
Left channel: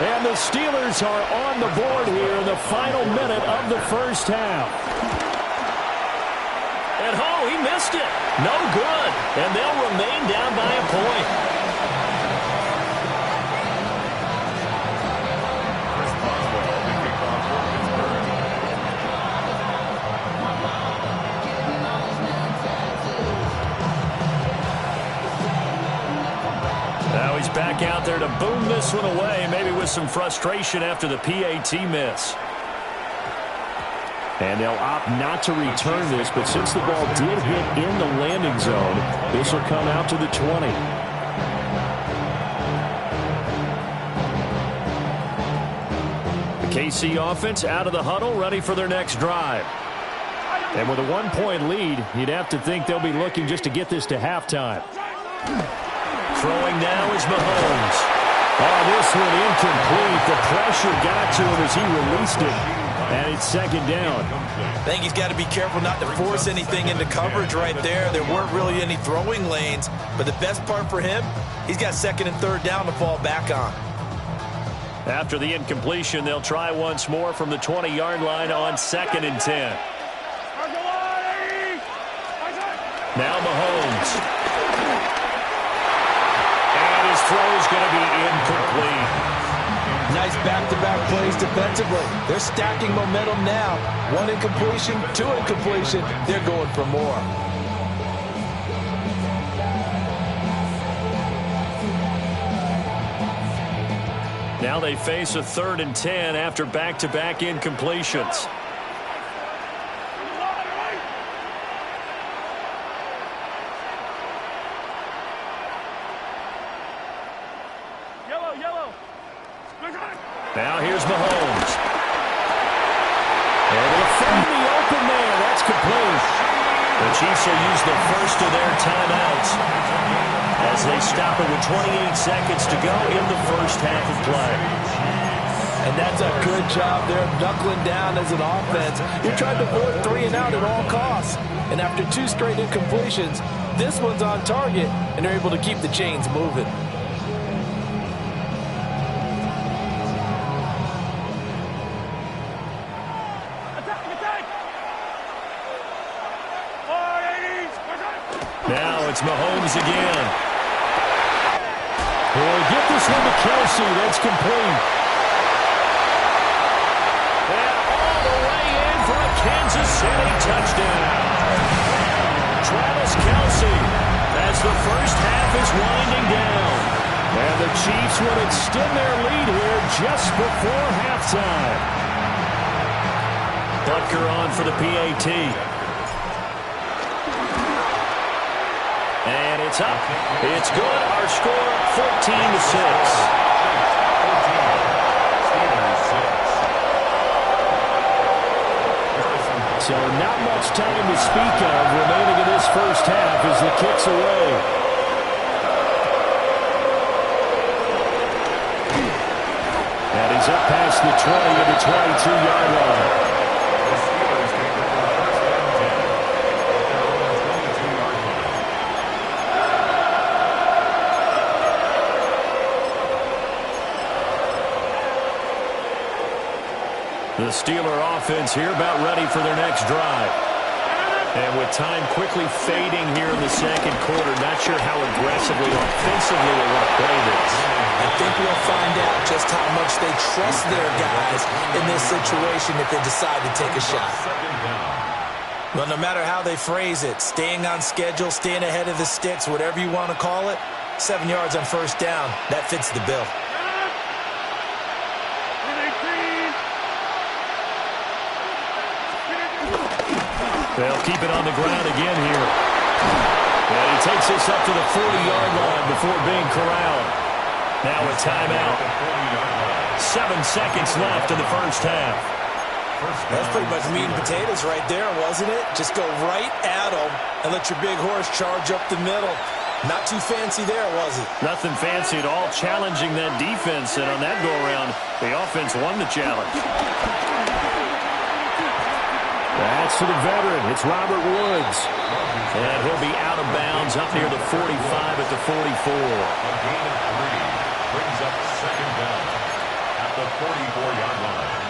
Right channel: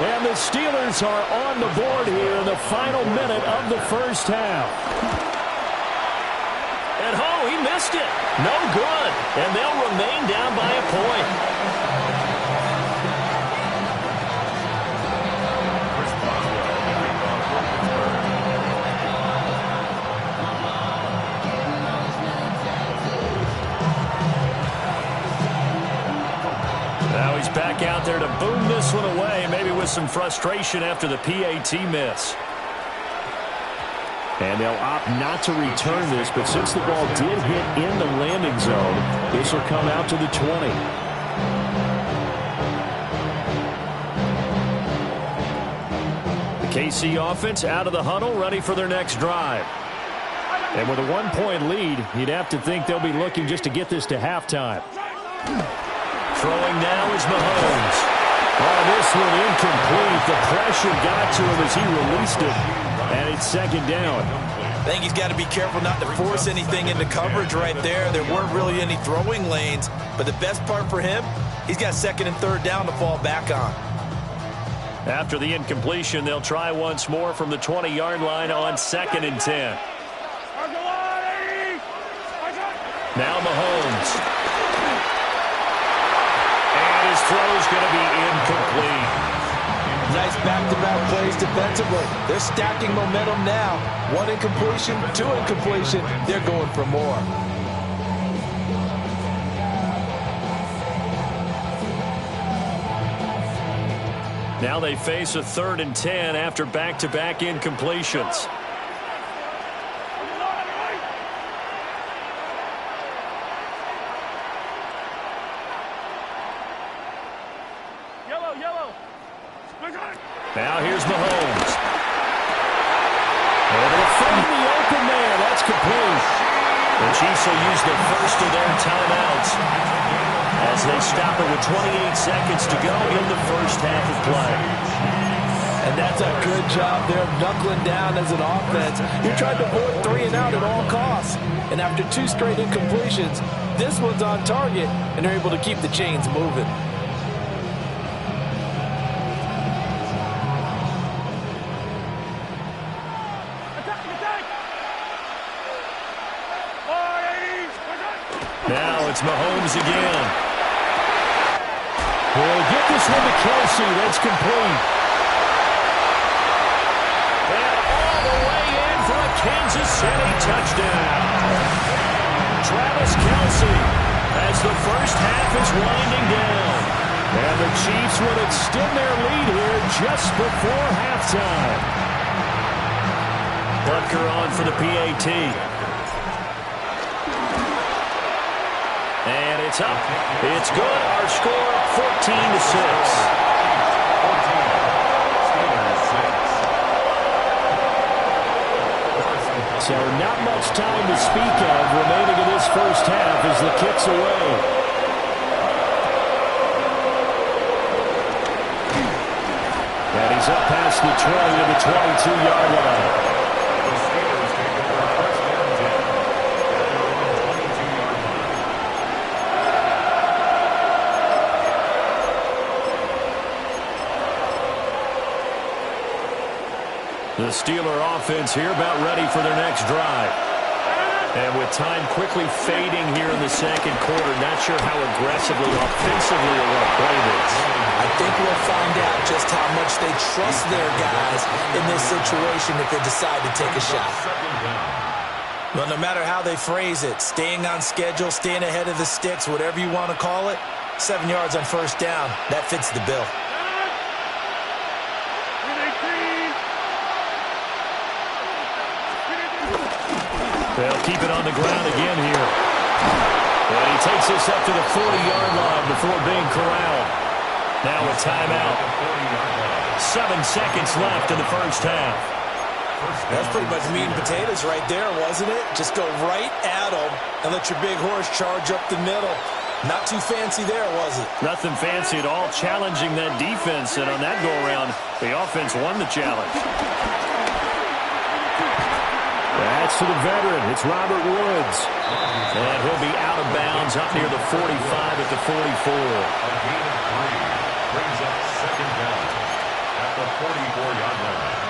And the Steelers are on the board here in the final minute of the first half. And oh, he missed it. No good. And they'll remain down by a point. Chris Boswell, the kickoff for Pittsburgh. Now he's back out there to boom this one away, maybe with some frustration after the PAT miss. And they'll opt not to return this, but since the ball did hit in the landing zone, this will come out to the 20. The KC offense out of the huddle, ready for their next drive. And with a 1-point lead, you'd have to think they'll be looking just to get this to halftime. Throwing now is Mahomes. Oh, this one incomplete. The pressure got to him as he released it. And it's second down. I think he's got to be careful not to force anything into coverage right there. There weren't really any throwing lanes. But the best part for him, he's got second and third down to fall back on. After the incompletion, they'll try once more from the 20-yard line on second and 10. Now Mahomes. And his throw's going to be incomplete. Nice back-to-back plays defensively. They're stacking momentum now. 1 incompletion, 2 incompletion. They're going for more. Now they face a 3rd and 10 after back-to-back incompletions. Now here's Mahomes. Able to find the open man. That's complete. The Chiefs will use the first of their timeouts as they stop it with 28 seconds to go in the first half of play. And that's a good job there of knuckling down as an offense. You're trying to avoid 3 and out at all costs. And after 2 straight incompletions, this one's on target, and they're able to keep the chains moving. Now it's Mahomes again. He'll get this one to Kelsey. That's complete. And all the way in for a Kansas City touchdown. Travis Kelsey as the first half is winding down. And the Chiefs will extend their lead here just before halftime. Butker on for the PAT. And it's up. It's good. Our score, 14-6. So not much time to speak of remaining in this first half as the kick's away. And he's up past the 20 to the 22-yard line. The Steelers take over first and 10 at their own 22-yard line. The Steeler offense here about ready for their next drive. And with time quickly fading here in the second quarter, not sure how aggressively, offensively they want to play this. I think we'll find out just how much they trust their guys in this situation if they decide to take a shot. Well, no matter how they phrase it, staying on schedule, staying ahead of the sticks, whatever you want to call it, 7 yards on first down, that fits the bill. They'll keep it on the ground again here. And he takes this up to the 40-yard line before being corralled. Now a timeout. 7 seconds left in the first half. That's pretty much meat and potatoes right there, wasn't it? Just go right at them and let your big horse charge up the middle. Not too fancy there, was it? Nothing fancy at all, challenging that defense. And on that go-around, the offense won the challenge. That's to the veteran. It's Robert Woods. And he'll be out of bounds up near the 45 at the 44. A gain of 3 brings up second down at the 44-yard line.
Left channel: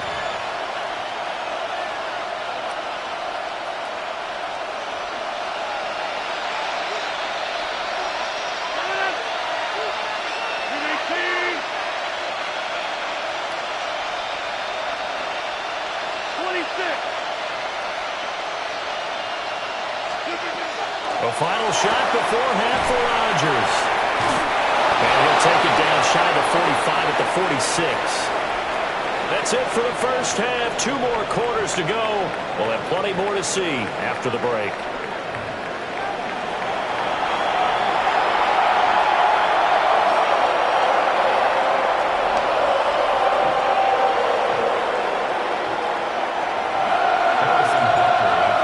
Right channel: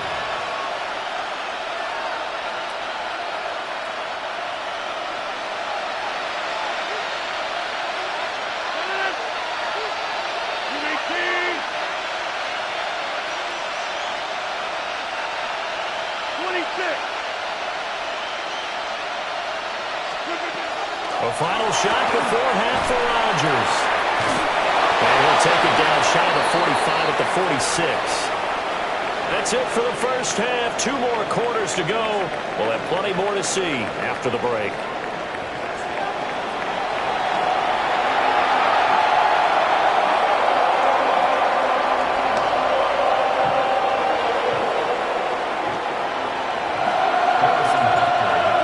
A final shot before half for Rodgers. And he'll take it down shy of the 45 at the 46. That's it for the first half. 2 more quarters to go. We'll have plenty more to see after the break.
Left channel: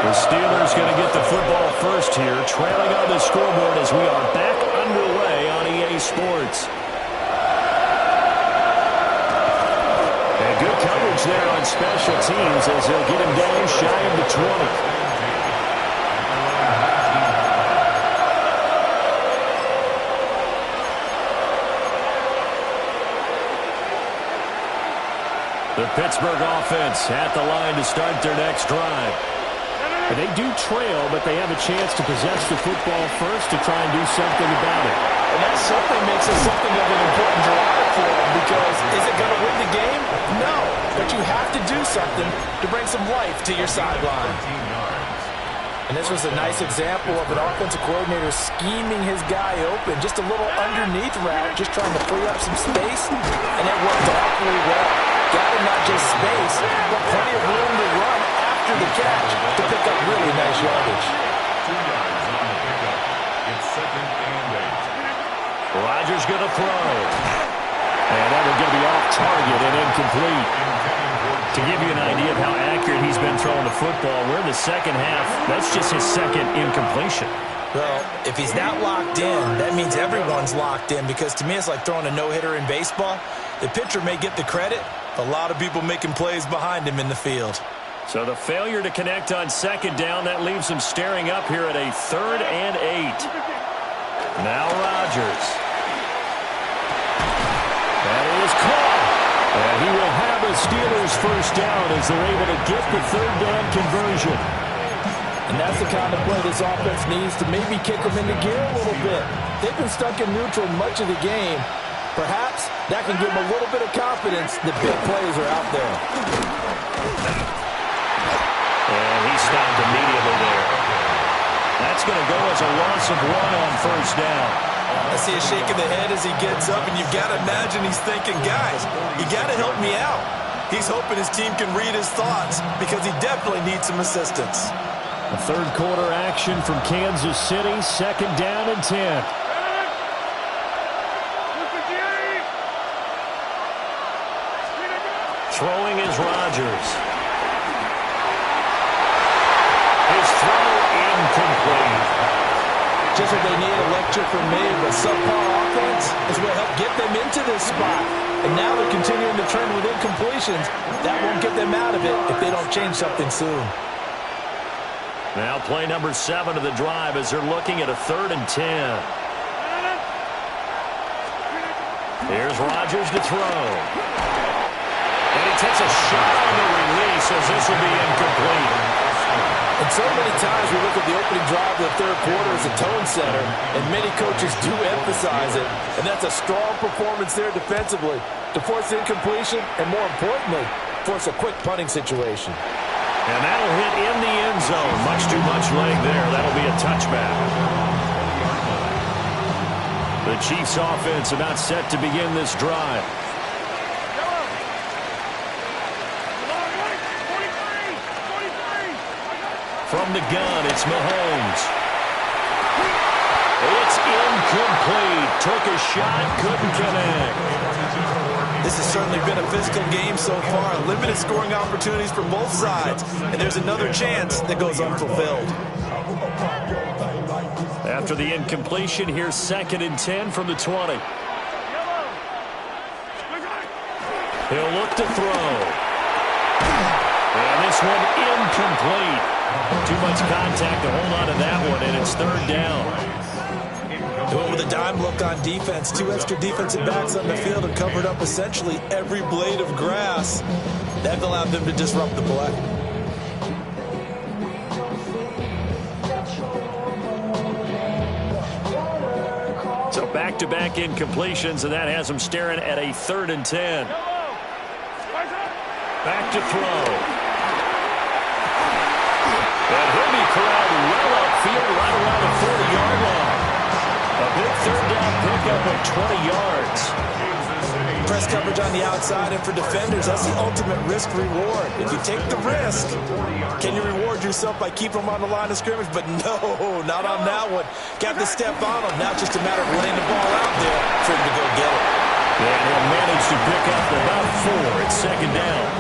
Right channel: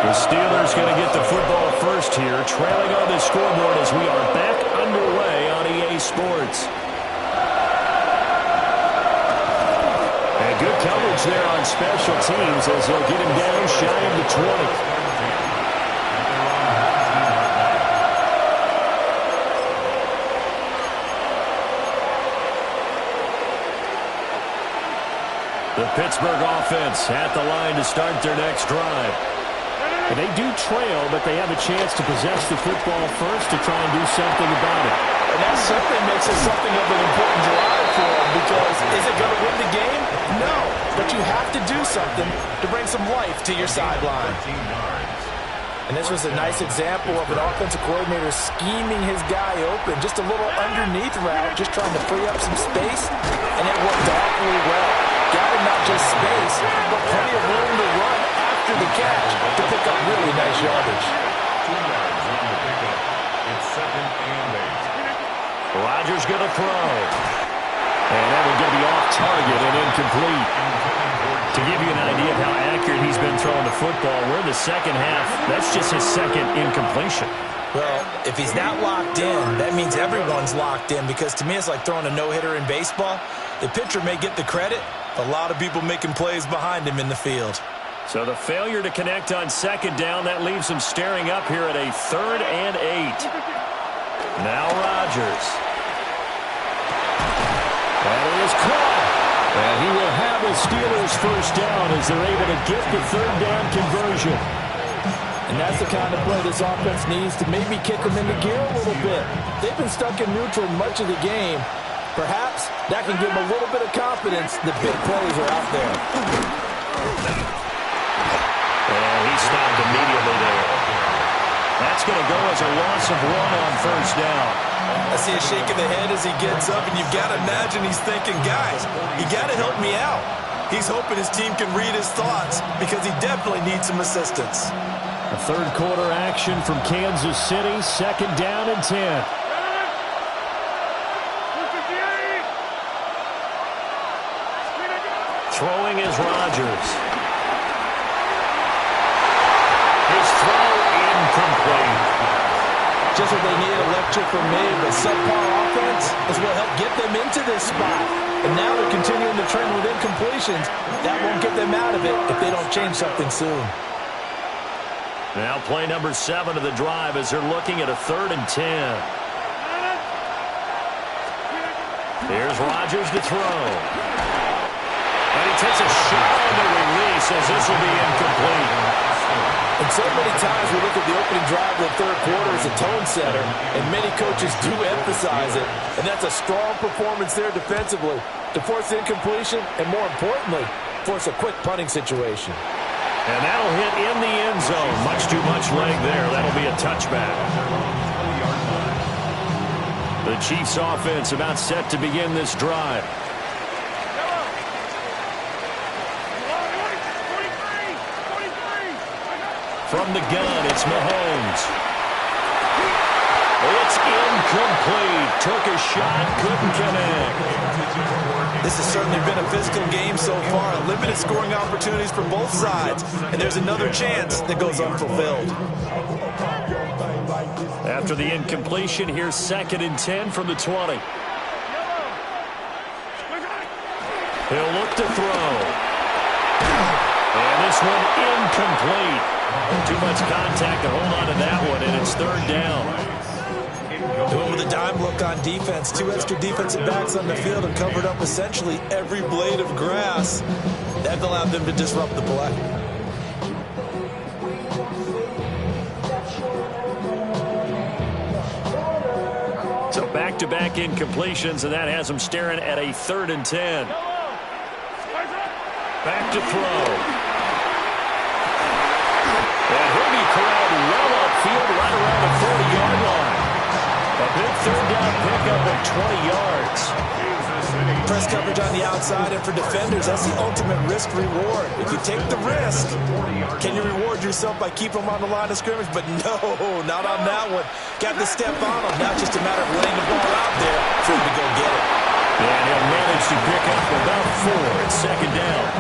The Steelers going to get the football first here, trailing on the scoreboard as we are back underway on EA Sports. And good coverage there on special teams as they'll get him down shy of the 20. The Pittsburgh offense at the line to start their next drive. And they do trail, but they have a chance to possess the football first to try and do something about it. And that certainly makes it something of an important drive for them, because is it going to win the game? No. But you have to do something to bring some life to your sideline. And this was a nice example of an offensive coordinator scheming his guy open. Just a little underneath route, just trying to free up some space, and it worked awfully well. Got him not just space, but plenty of room to run after the catch to pick up really nice yardage. 2 yards on the pickup. It's second and 8. Rodgers going to throw. And that one's going to be off target and incomplete. To give you an idea of how accurate he's been throwing the football, we're in the second half. That's just his second incompletion. Well, if he's not locked in, that means everyone's locked in, because to me it's like throwing a no-hitter in baseball. The pitcher may get the credit, a lot of people making plays behind him in the field. So the failure to connect on second down, that leaves him staring up here at a 3rd and 8. Now Rodgers. That is caught. And he will have a Steelers first down as they're able to get the 3rd down conversion. And that's the kind of play this offense needs to maybe kick them into gear a little bit. They've been stuck in neutral much of the game. Perhaps that can give them a little bit of confidence that big plays are out there. And he stopped immediately there. That's going to go as a loss of 1 on first down. I see a shake of the head as he gets up, and you've got to imagine he's thinking, guys, you got to help me out. He's hoping his team can read his thoughts, because he definitely needs some assistance. A third quarter action from Kansas City, 2nd down and 10. Throwing is Rodgers. His throw incomplete. just what they need, a lecture from me. But subpar offense is what helped get them into this spot. And now they're continuing to trend with incompletions. That won't get them out of it if they don't change something soon. Now play number 7 of the drive as they're looking at a 3rd and 10. Here's Rodgers to throw. And he takes a shot on the release as this will be incomplete. And so many times we look at the opening drive of the third quarter as a tone setter, and many coaches do emphasize it. And that's a strong performance there defensively to force incompletion and, more importantly, force a quick punting situation. And that'll hit in the end zone. Much too much leg there. That'll be a touchback. The Chiefs offense about set to begin this drive. From the gun, it's Mahomes. It's incomplete. Took a shot, couldn't connect. This has certainly been a physical game so far. Limited scoring opportunities for both sides. And there's another chance that goes unfulfilled. After the incompletion, here's 2nd and 10 from the 20. He'll look to throw. And this one incomplete. Too much contact to hold on to that one, and it's 3rd down. Doing with a dime look on defense. 2 extra defensive backs on the field and covered up essentially every blade of grass. That allowed them to disrupt the play. So back-to-back incompletions, and that has them staring at a 3rd and 10. Back to throw. And he'll be corralled well upfield right around the 40-yard line. A big 3rd down pickup of 20 yards. Press coverage on the outside, and for defenders, that's the ultimate risk-reward. If you take the risk, can you reward yourself by keeping them on the line of scrimmage? But no, not on that one. Got to step on them. Now it's just a matter of laying the ball out there for him to go get it. And he'll manage to pick up about 4 at 2nd down.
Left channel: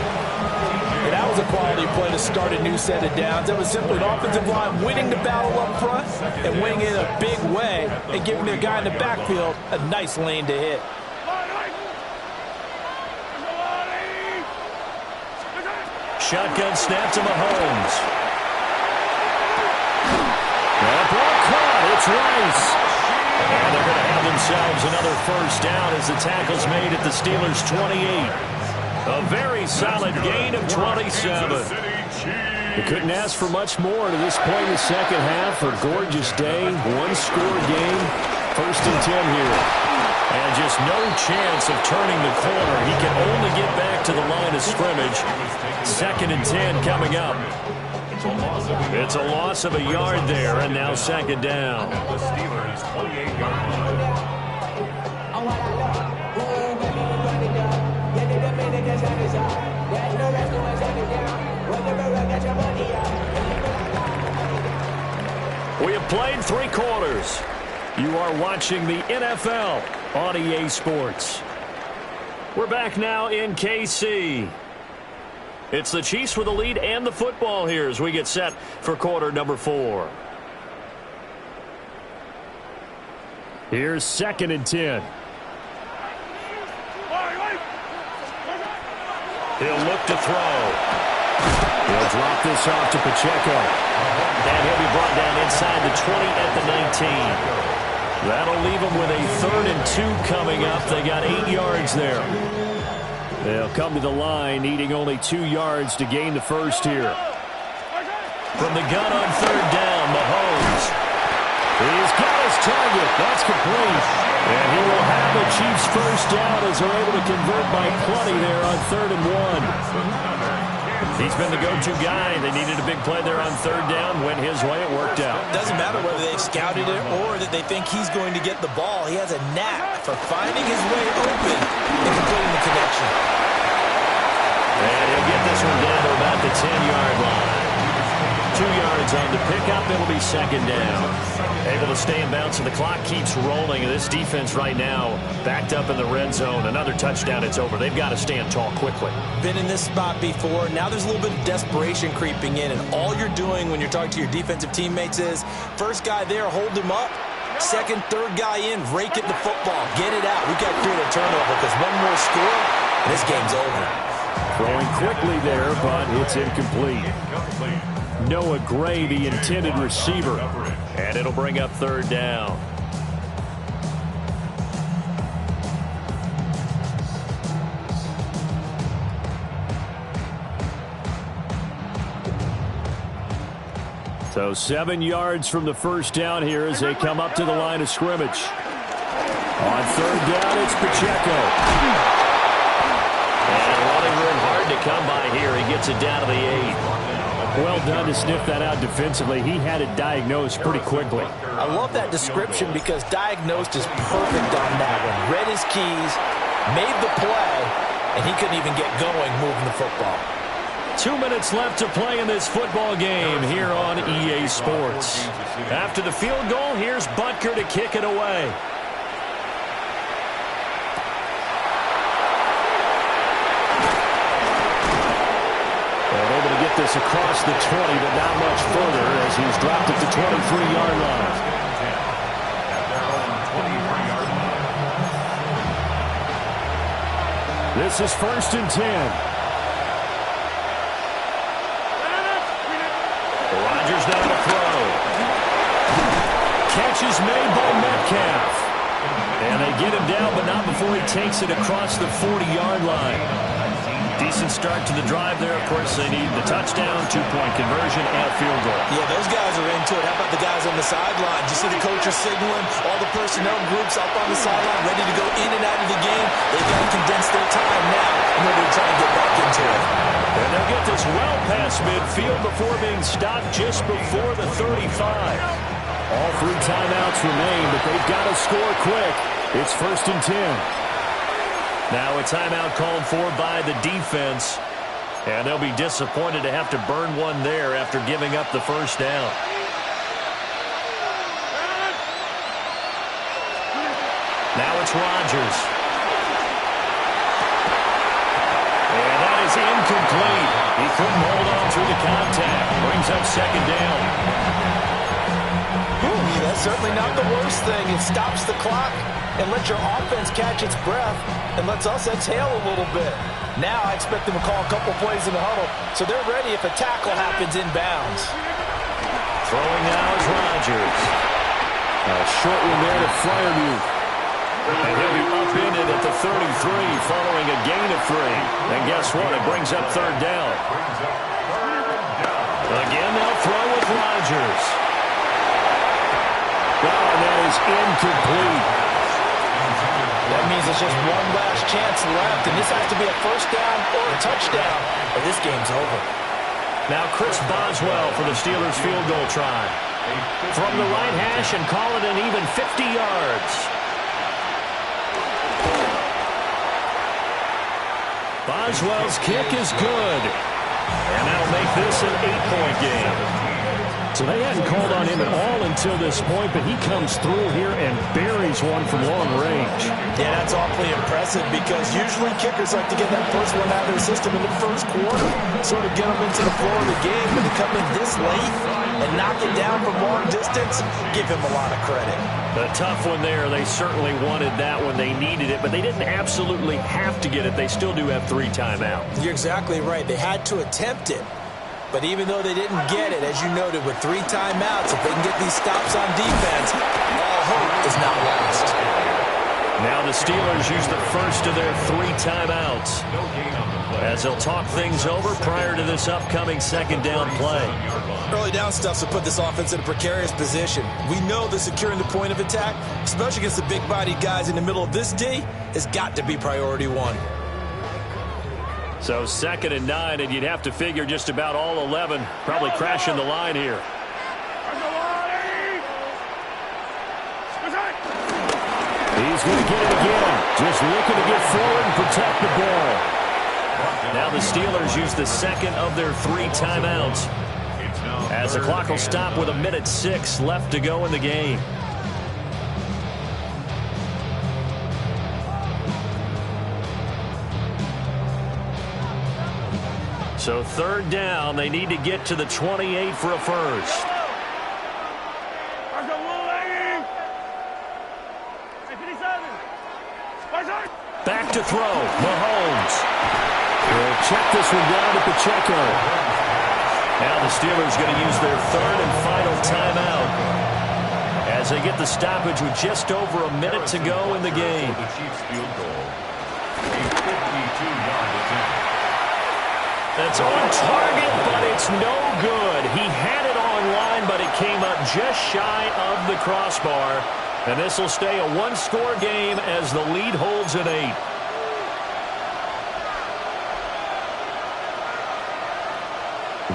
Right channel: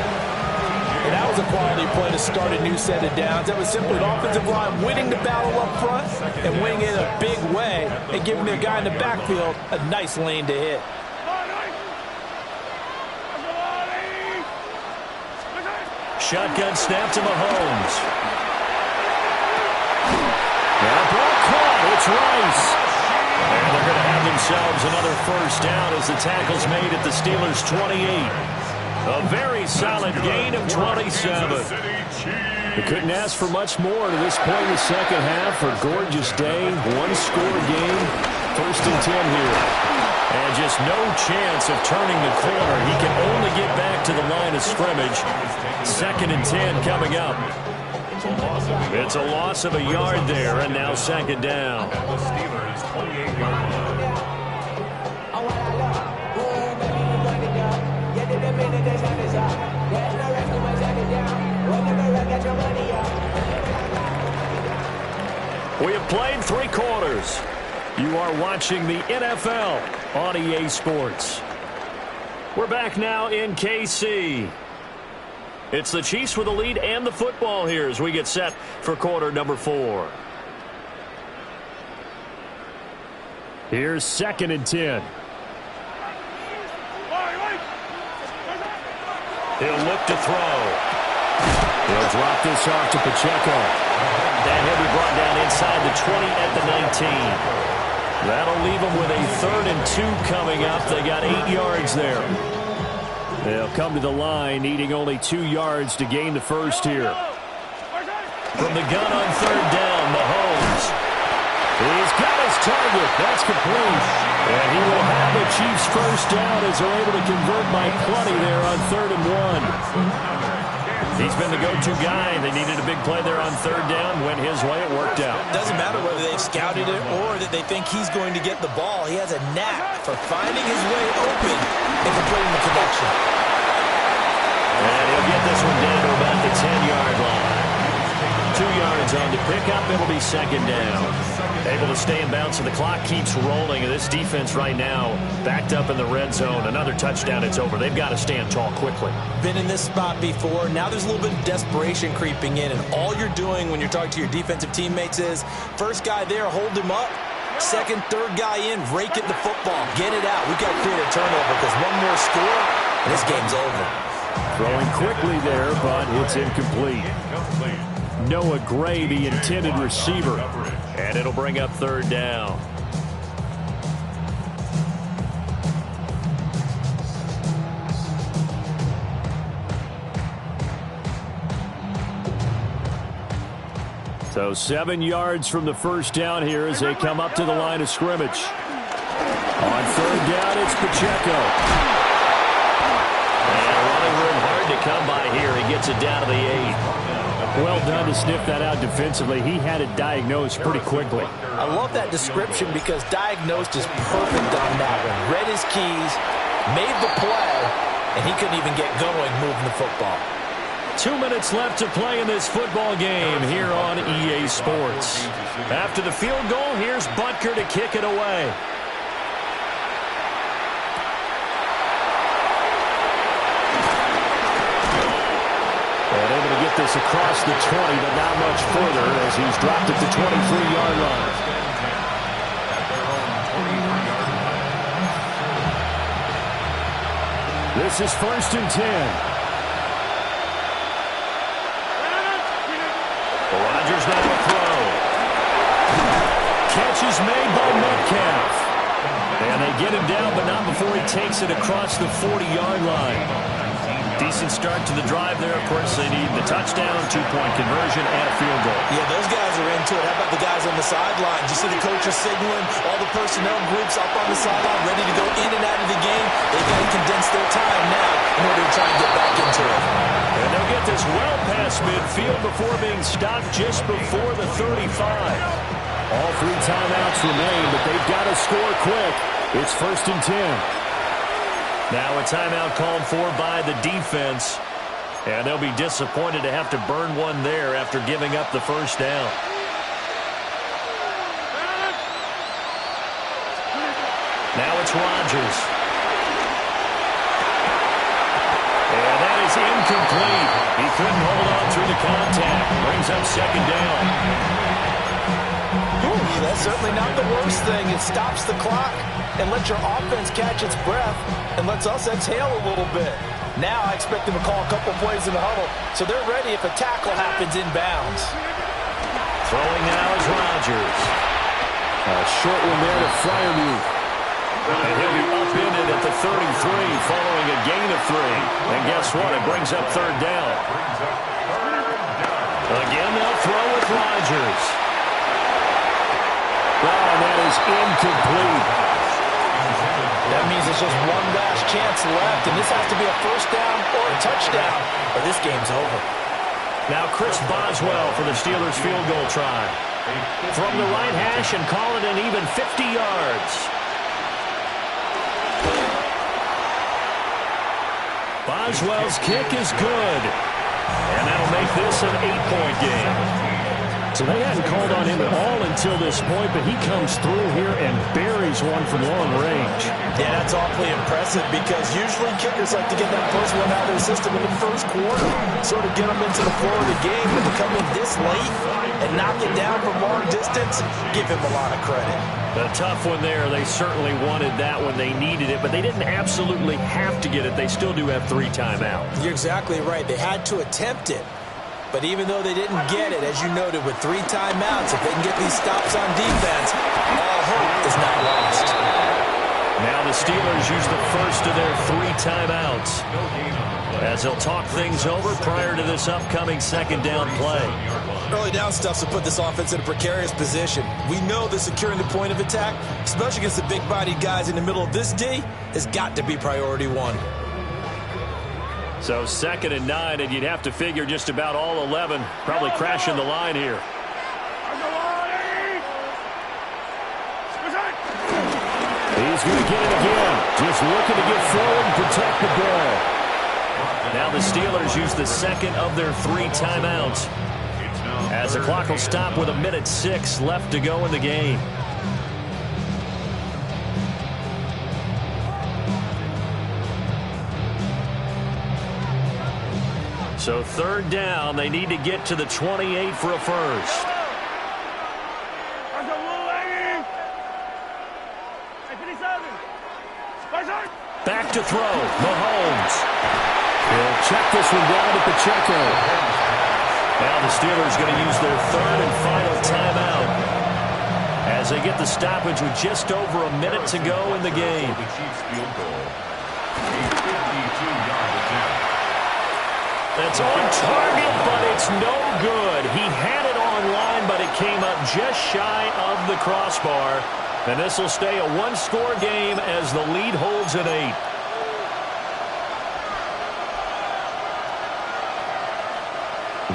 And that was a quality play to start a new set of downs. That was simply an offensive line winning the battle up front and winning it in a big way and giving the guy in the backfield a nice lane to hit. Shotgun snap to Mahomes. That ball caught. It's Rice. And they're going to have themselves another 1st down as the tackle's made at the Steelers' 28. A very solid gain of 27. We couldn't ask for much more to this point in the second half. A gorgeous day, 1-score game, 1st and 10 here. And just no chance of turning the corner. He can only get back to the line of scrimmage. 2nd and 10 coming up. It's a loss of a yard there, and now 2nd down. The Steelers' 28-yard line. We have played 3 quarters. You are watching the NFL on EA Sports. We're back now in KC. It's the Chiefs with the lead and the football here as we get set for quarter number 4. Here's 2nd and 10. He'll look to throw. He'll drop this off to Pacheco. And he'll be brought down inside the 20 at the 19. That'll leave them with a 3rd and 2 coming up. They got 8 yards there. They'll come to the line, needing only 2 yards to gain the 1st here. From the gun on 3rd down, Mahomes. He's got his target. That's complete. And he will have the Chiefs' 1st down as they're able to convert by plenty there on 3rd and 1. He's been the go-to guy. They needed a big play there on 3rd down. Went his way. It worked out. Doesn't matter whether they've scouted it or that they think he's going to get the ball. He has a knack for finding his way open and completing the connection. And he'll get this one down to about the 10-yard line. 2 yards on the pickup. It'll be 2nd down. Able to stay in bounds, and the clock keeps rolling. And this defense right now backed up in the red zone. Another touchdown, it's over. They've got to stand tall quickly. Been in this spot before. Now there's a little bit of desperation creeping in. And all you're doing when you're talking to your defensive teammates is, first guy there, hold him up second, third guy in, rake it the football. Get it out. We've got to create a turnover because one more score, and this game's over. Throwing quickly there, but it's incomplete. Noah Gray, the intended receiver. And it'll bring up third down. So 7 yards from the first down here as they come up to the line of scrimmage. On third down, it's Pacheco. And running room hard to come by here. He gets it down to the 8. Well done to sniff that out defensively. He had it diagnosed pretty quickly. I love that description because diagnosed is perfect on that one. Read his keys, made the play, and he couldn't even get going moving the football. 2 minutes left to play in this football game here on EA Sports. After the field goal, here's Butker to kick it away. And able to get this across the 20, but not much further as he's dropped at the 23-yard line. At their own 23-yard line. This is 1st and 10. Rodgers now to throw. Catch is made by Metcalf. And they get him down, but not before he takes it across the 40-yard line. Decent start to the drive there. Of course, they need the touchdown, 2-point conversion, and a field goal. Yeah, those guys are into it. How about the guys on the sideline? You see the coaches signaling, all the personnel groups up on the sideline, ready to go in and out of the game. They've got to condense their time now in order to try and get back into it. And they'll get this well past midfield before being stopped just before the 35. All 3 timeouts remain, but they've got to score quick. It's 1st and 10. Now a timeout called for by the defense. And they'll be disappointed to have to burn one there after giving up the first down. Now it's Rodgers. And that is incomplete. He couldn't hold on through the contact. Brings up second down. That's certainly not the worst thing. It stops the clock and lets your offense catch its breath and lets us exhale a little bit. Now I expect them to call a couple plays in the huddle, so they're ready if a tackle happens inbounds. Throwing now is Rodgers. A short one there to Freiermuth. And he'll be upended at the 33 following a gain of 3. And guess what? It brings up third down. Again, they'll throw with Rodgers. Oh, and that is incomplete. That means it's just one last chance left, and this has to be a first down or a touchdown, or this game's over. Now Chris Boswell for the Steelers field goal try. From the right hash and call it an even 50 yards. Boswell's kick is good. And that'll make this an 8-point game. So they hadn't called on him at all until this point, but he comes through here and buries one from long range. Yeah, that's awfully impressive because usually kickers like to get that first one out of their system in the first quarter, sort of get them into the flow of the game, but to come in this late and knock it down from long distance, give him a lot of credit. A tough one there. They certainly wanted that when they needed it, but they didn't absolutely have to get it. They still do have 3 timeouts. You're exactly right. They had to attempt it. But even though they didn't get it, as you noted, with 3 timeouts, if they can get these stops on defense, all hope is not lost. Now the Steelers use the first of their 3 timeouts as they'll talk things over prior to this upcoming second down play. Early down stuff to put this offense in a precarious position. We know that securing the point of attack, especially against the big-bodied guys in the middle of this D, has got to be priority 1. So 2nd and 9, and you'd have to figure just about all 11 probably crashing the line here. He's going to get it again. Just looking to get forward and protect the ball. Now the Steelers use the second of their 3 timeouts as the clock will stop with 1:06 left to go in the game. So 3rd down, they need to get to the 28 for a first. Back to throw, Mahomes. He'll check this one down at Pacheco. Now the Steelers going to use their third and final timeout as they get the stoppage with just over a minute to go in the game. The Chiefs field goal. A 52-yard attempt. That's on target, but it's no good. He had it on line, but it came up just shy of the crossbar. And this will stay a one-score game as the lead holds at 8.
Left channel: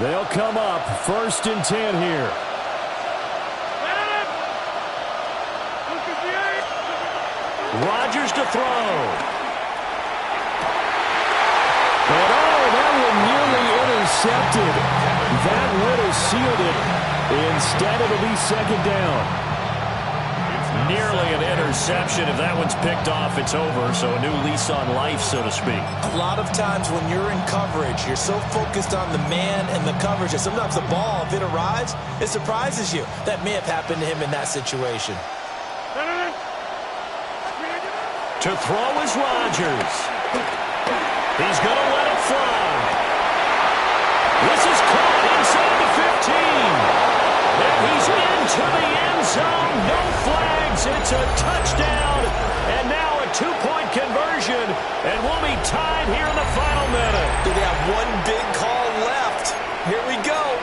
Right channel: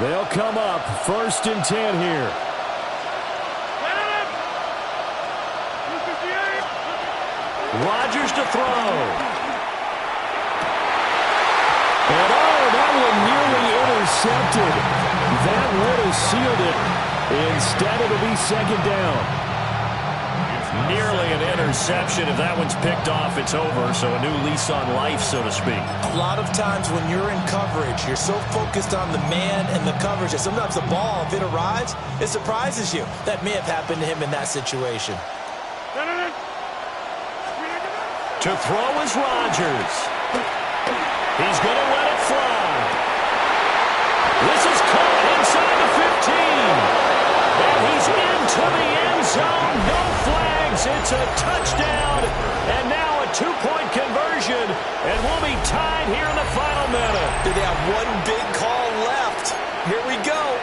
They'll come up 1st and 10 here. Rodgers to throw. And that one nearly intercepted. That would have sealed it. Instead, it'll be 2nd down. Nearly an interception. If that one's picked off, it's over. So a new lease on life, so to speak. A lot of times when you're in coverage, you're so focused on the man and the coverage that sometimes the ball, if it arrives, it surprises you. That may have happened to him in that situation. To throw is Rodgers. He's going to let it fly. This is caught inside the 15. And he's into the end zone. No flags. It's a touchdown. And now a 2-point conversion. And we'll be tied here in the final minute. Do they have one big call left? Here we go.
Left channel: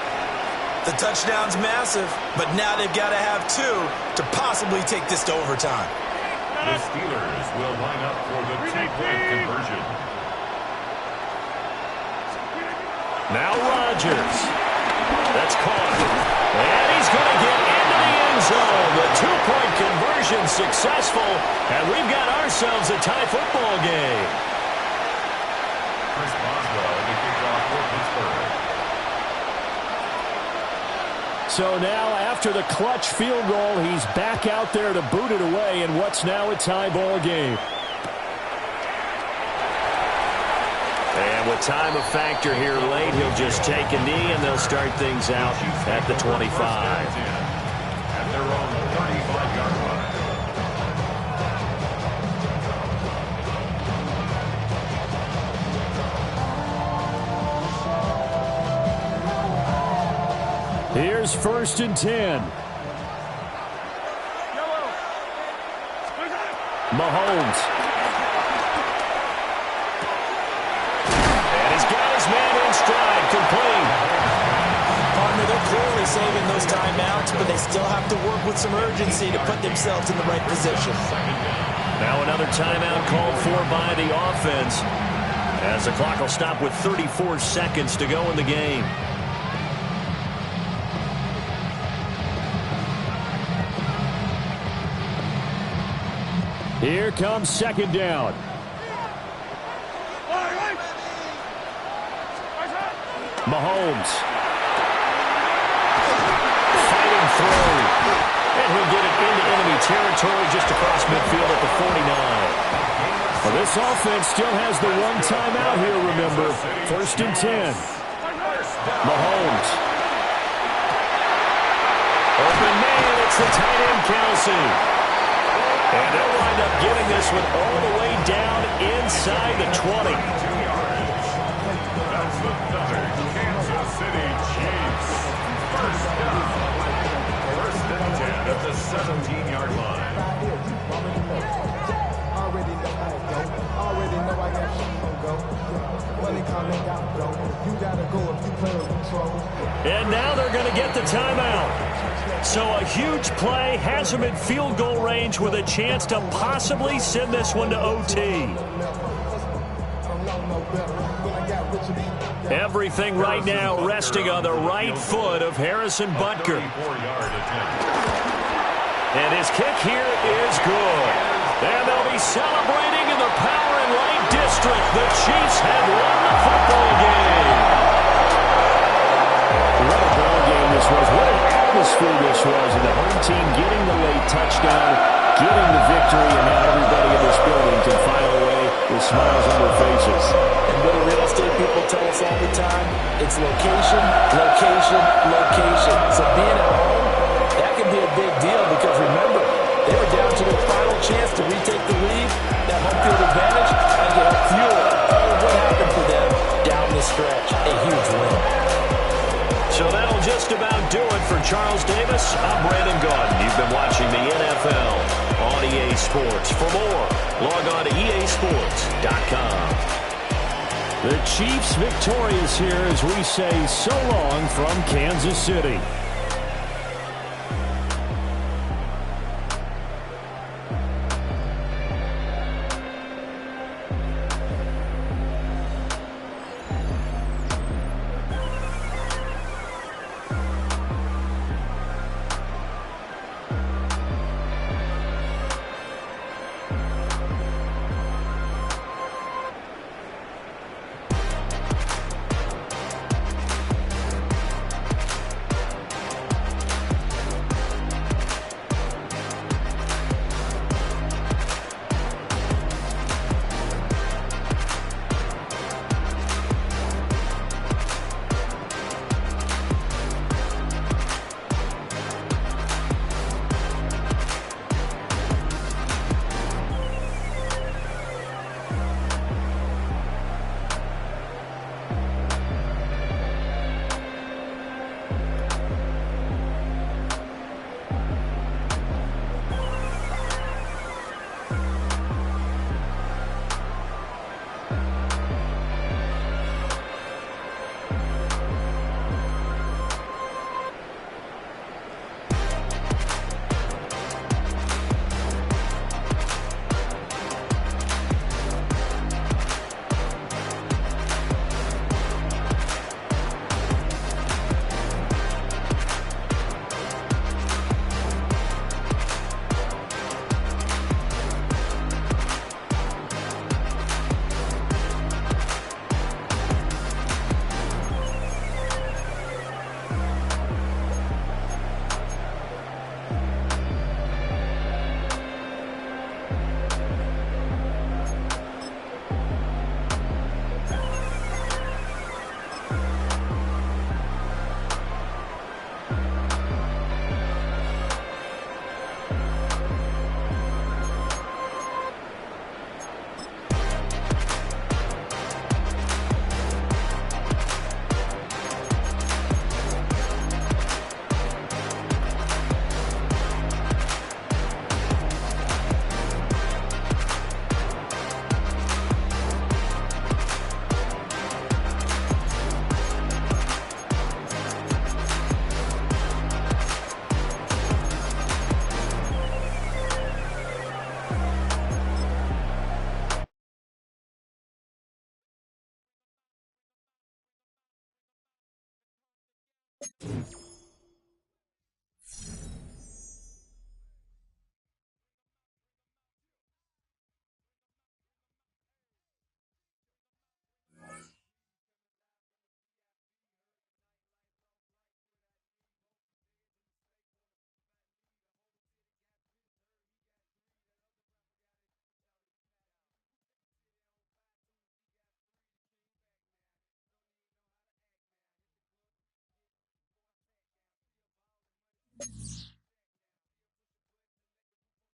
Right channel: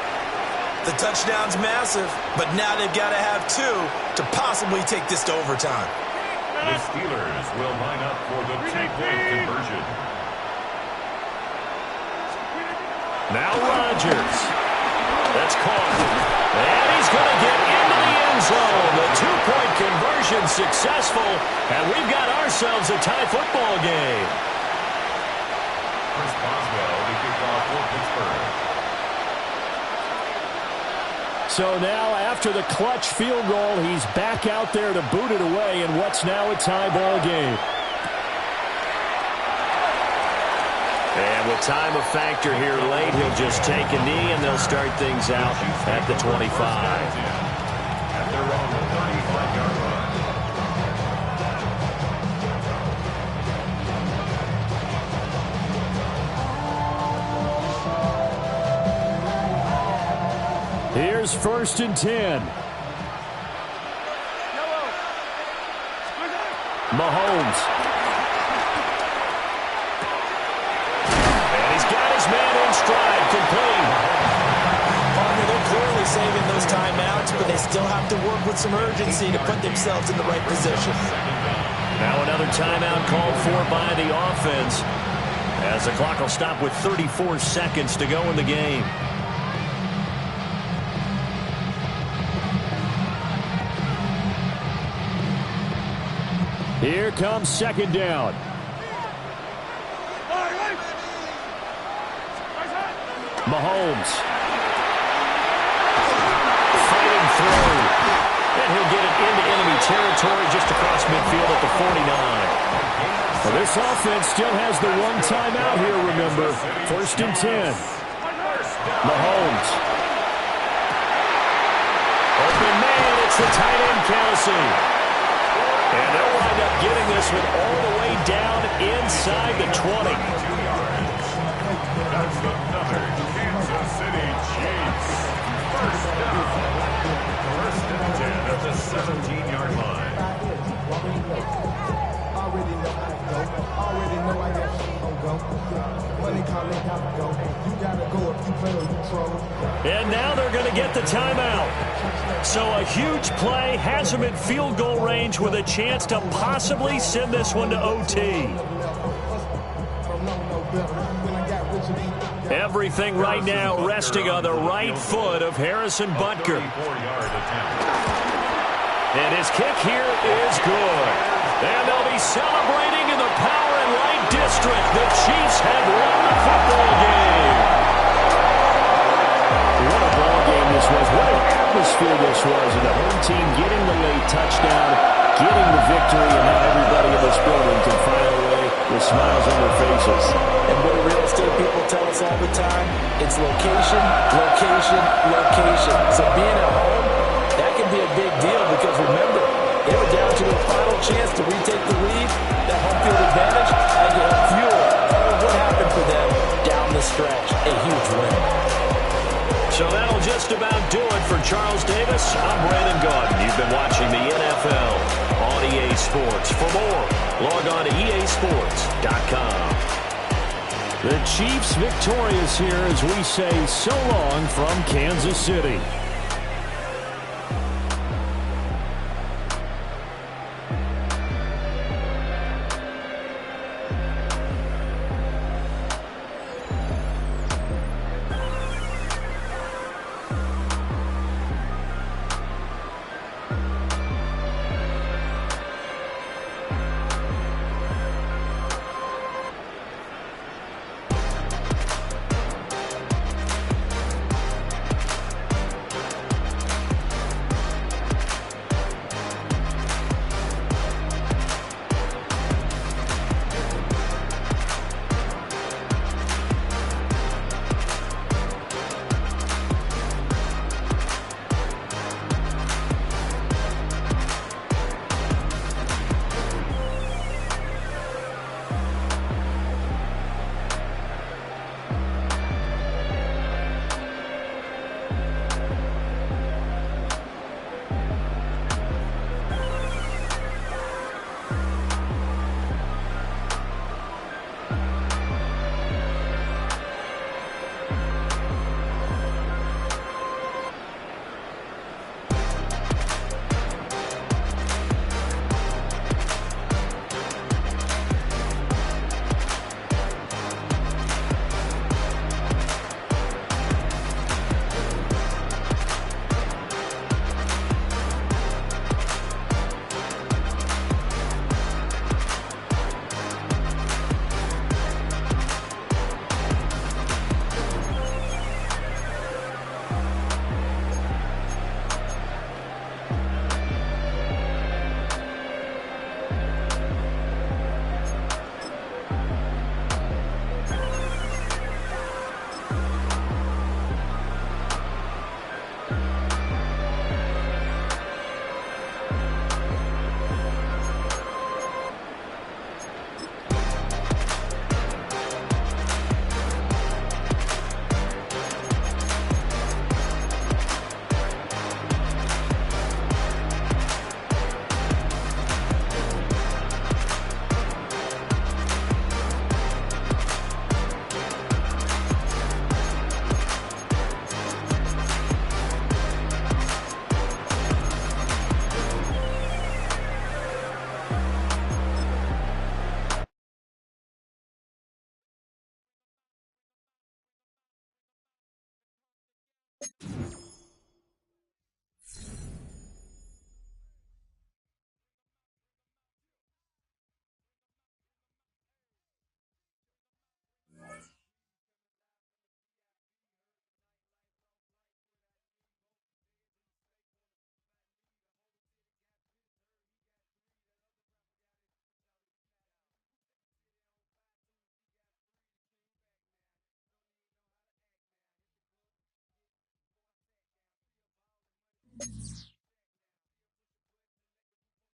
The touchdown's massive, but now they've got to have 2 to possibly take this to overtime. The Steelers will line up for the 2-point conversion. Now Rodgers. That's caught. And he's going to get into the end zone. The 2-point conversion successful. And we've got ourselves a tie football game. Chris Boswell to kick off for Pittsburgh. So now after the clutch field goal, he's back out there to boot it away in what's now a tie ball game. And with time a factor here late, he'll just take a knee and they'll start things out at the 25. At their own 35-yard line. Here's 1st and 10. Mahomes. And he's got his man in stride, complete. Partner, they're clearly saving those timeouts, but they still have to work with some urgency to put themselves in the right position. Now another timeout called for by the offense, as the clock will stop with 34 seconds to go in the game. Here comes 2nd down. Mahomes. Fighting through. And he'll get it into enemy territory just across midfield at the 49. Well, this offense still has the one timeout here, remember. 1st and 10. Mahomes. Open man, it's the tight end, Kelsey. And they'll wind up getting this one all the way down inside the 20. That's another Kansas City Chiefs. 1st down. 1st and 10 at the 17-yard line. Already know how it go. Already know I got shit on go. Money calling, gotta go. You gotta go if you play or you troll. And now they're going to get the timeout. So a huge play has them in field goal range with a chance to possibly send this one to OT. Everything right now resting on the right foot of Harrison Butker. And his kick here is good. And they'll be celebrating in the Power and Light District. The Chiefs have won the football game. What a ball game this was. What an atmosphere this was. And the home team getting the late touchdown, getting the victory, and now everybody in this building can file away with smiles on their faces. And what do real estate people tell us all the time? It's location, location, location. So being at home, that can be a big deal because remember, they were down to you to a final chance to retake the lead, that home field advantage, I think it helped fuel all of what happened for them down the stretch. A huge win. So that'll just about do it for Charles Davis. I'm Brandon Gaudin. You've been watching the NFL on EA Sports. For more, log on to easports.com. The Chiefs victorious here as we say so long from Kansas City.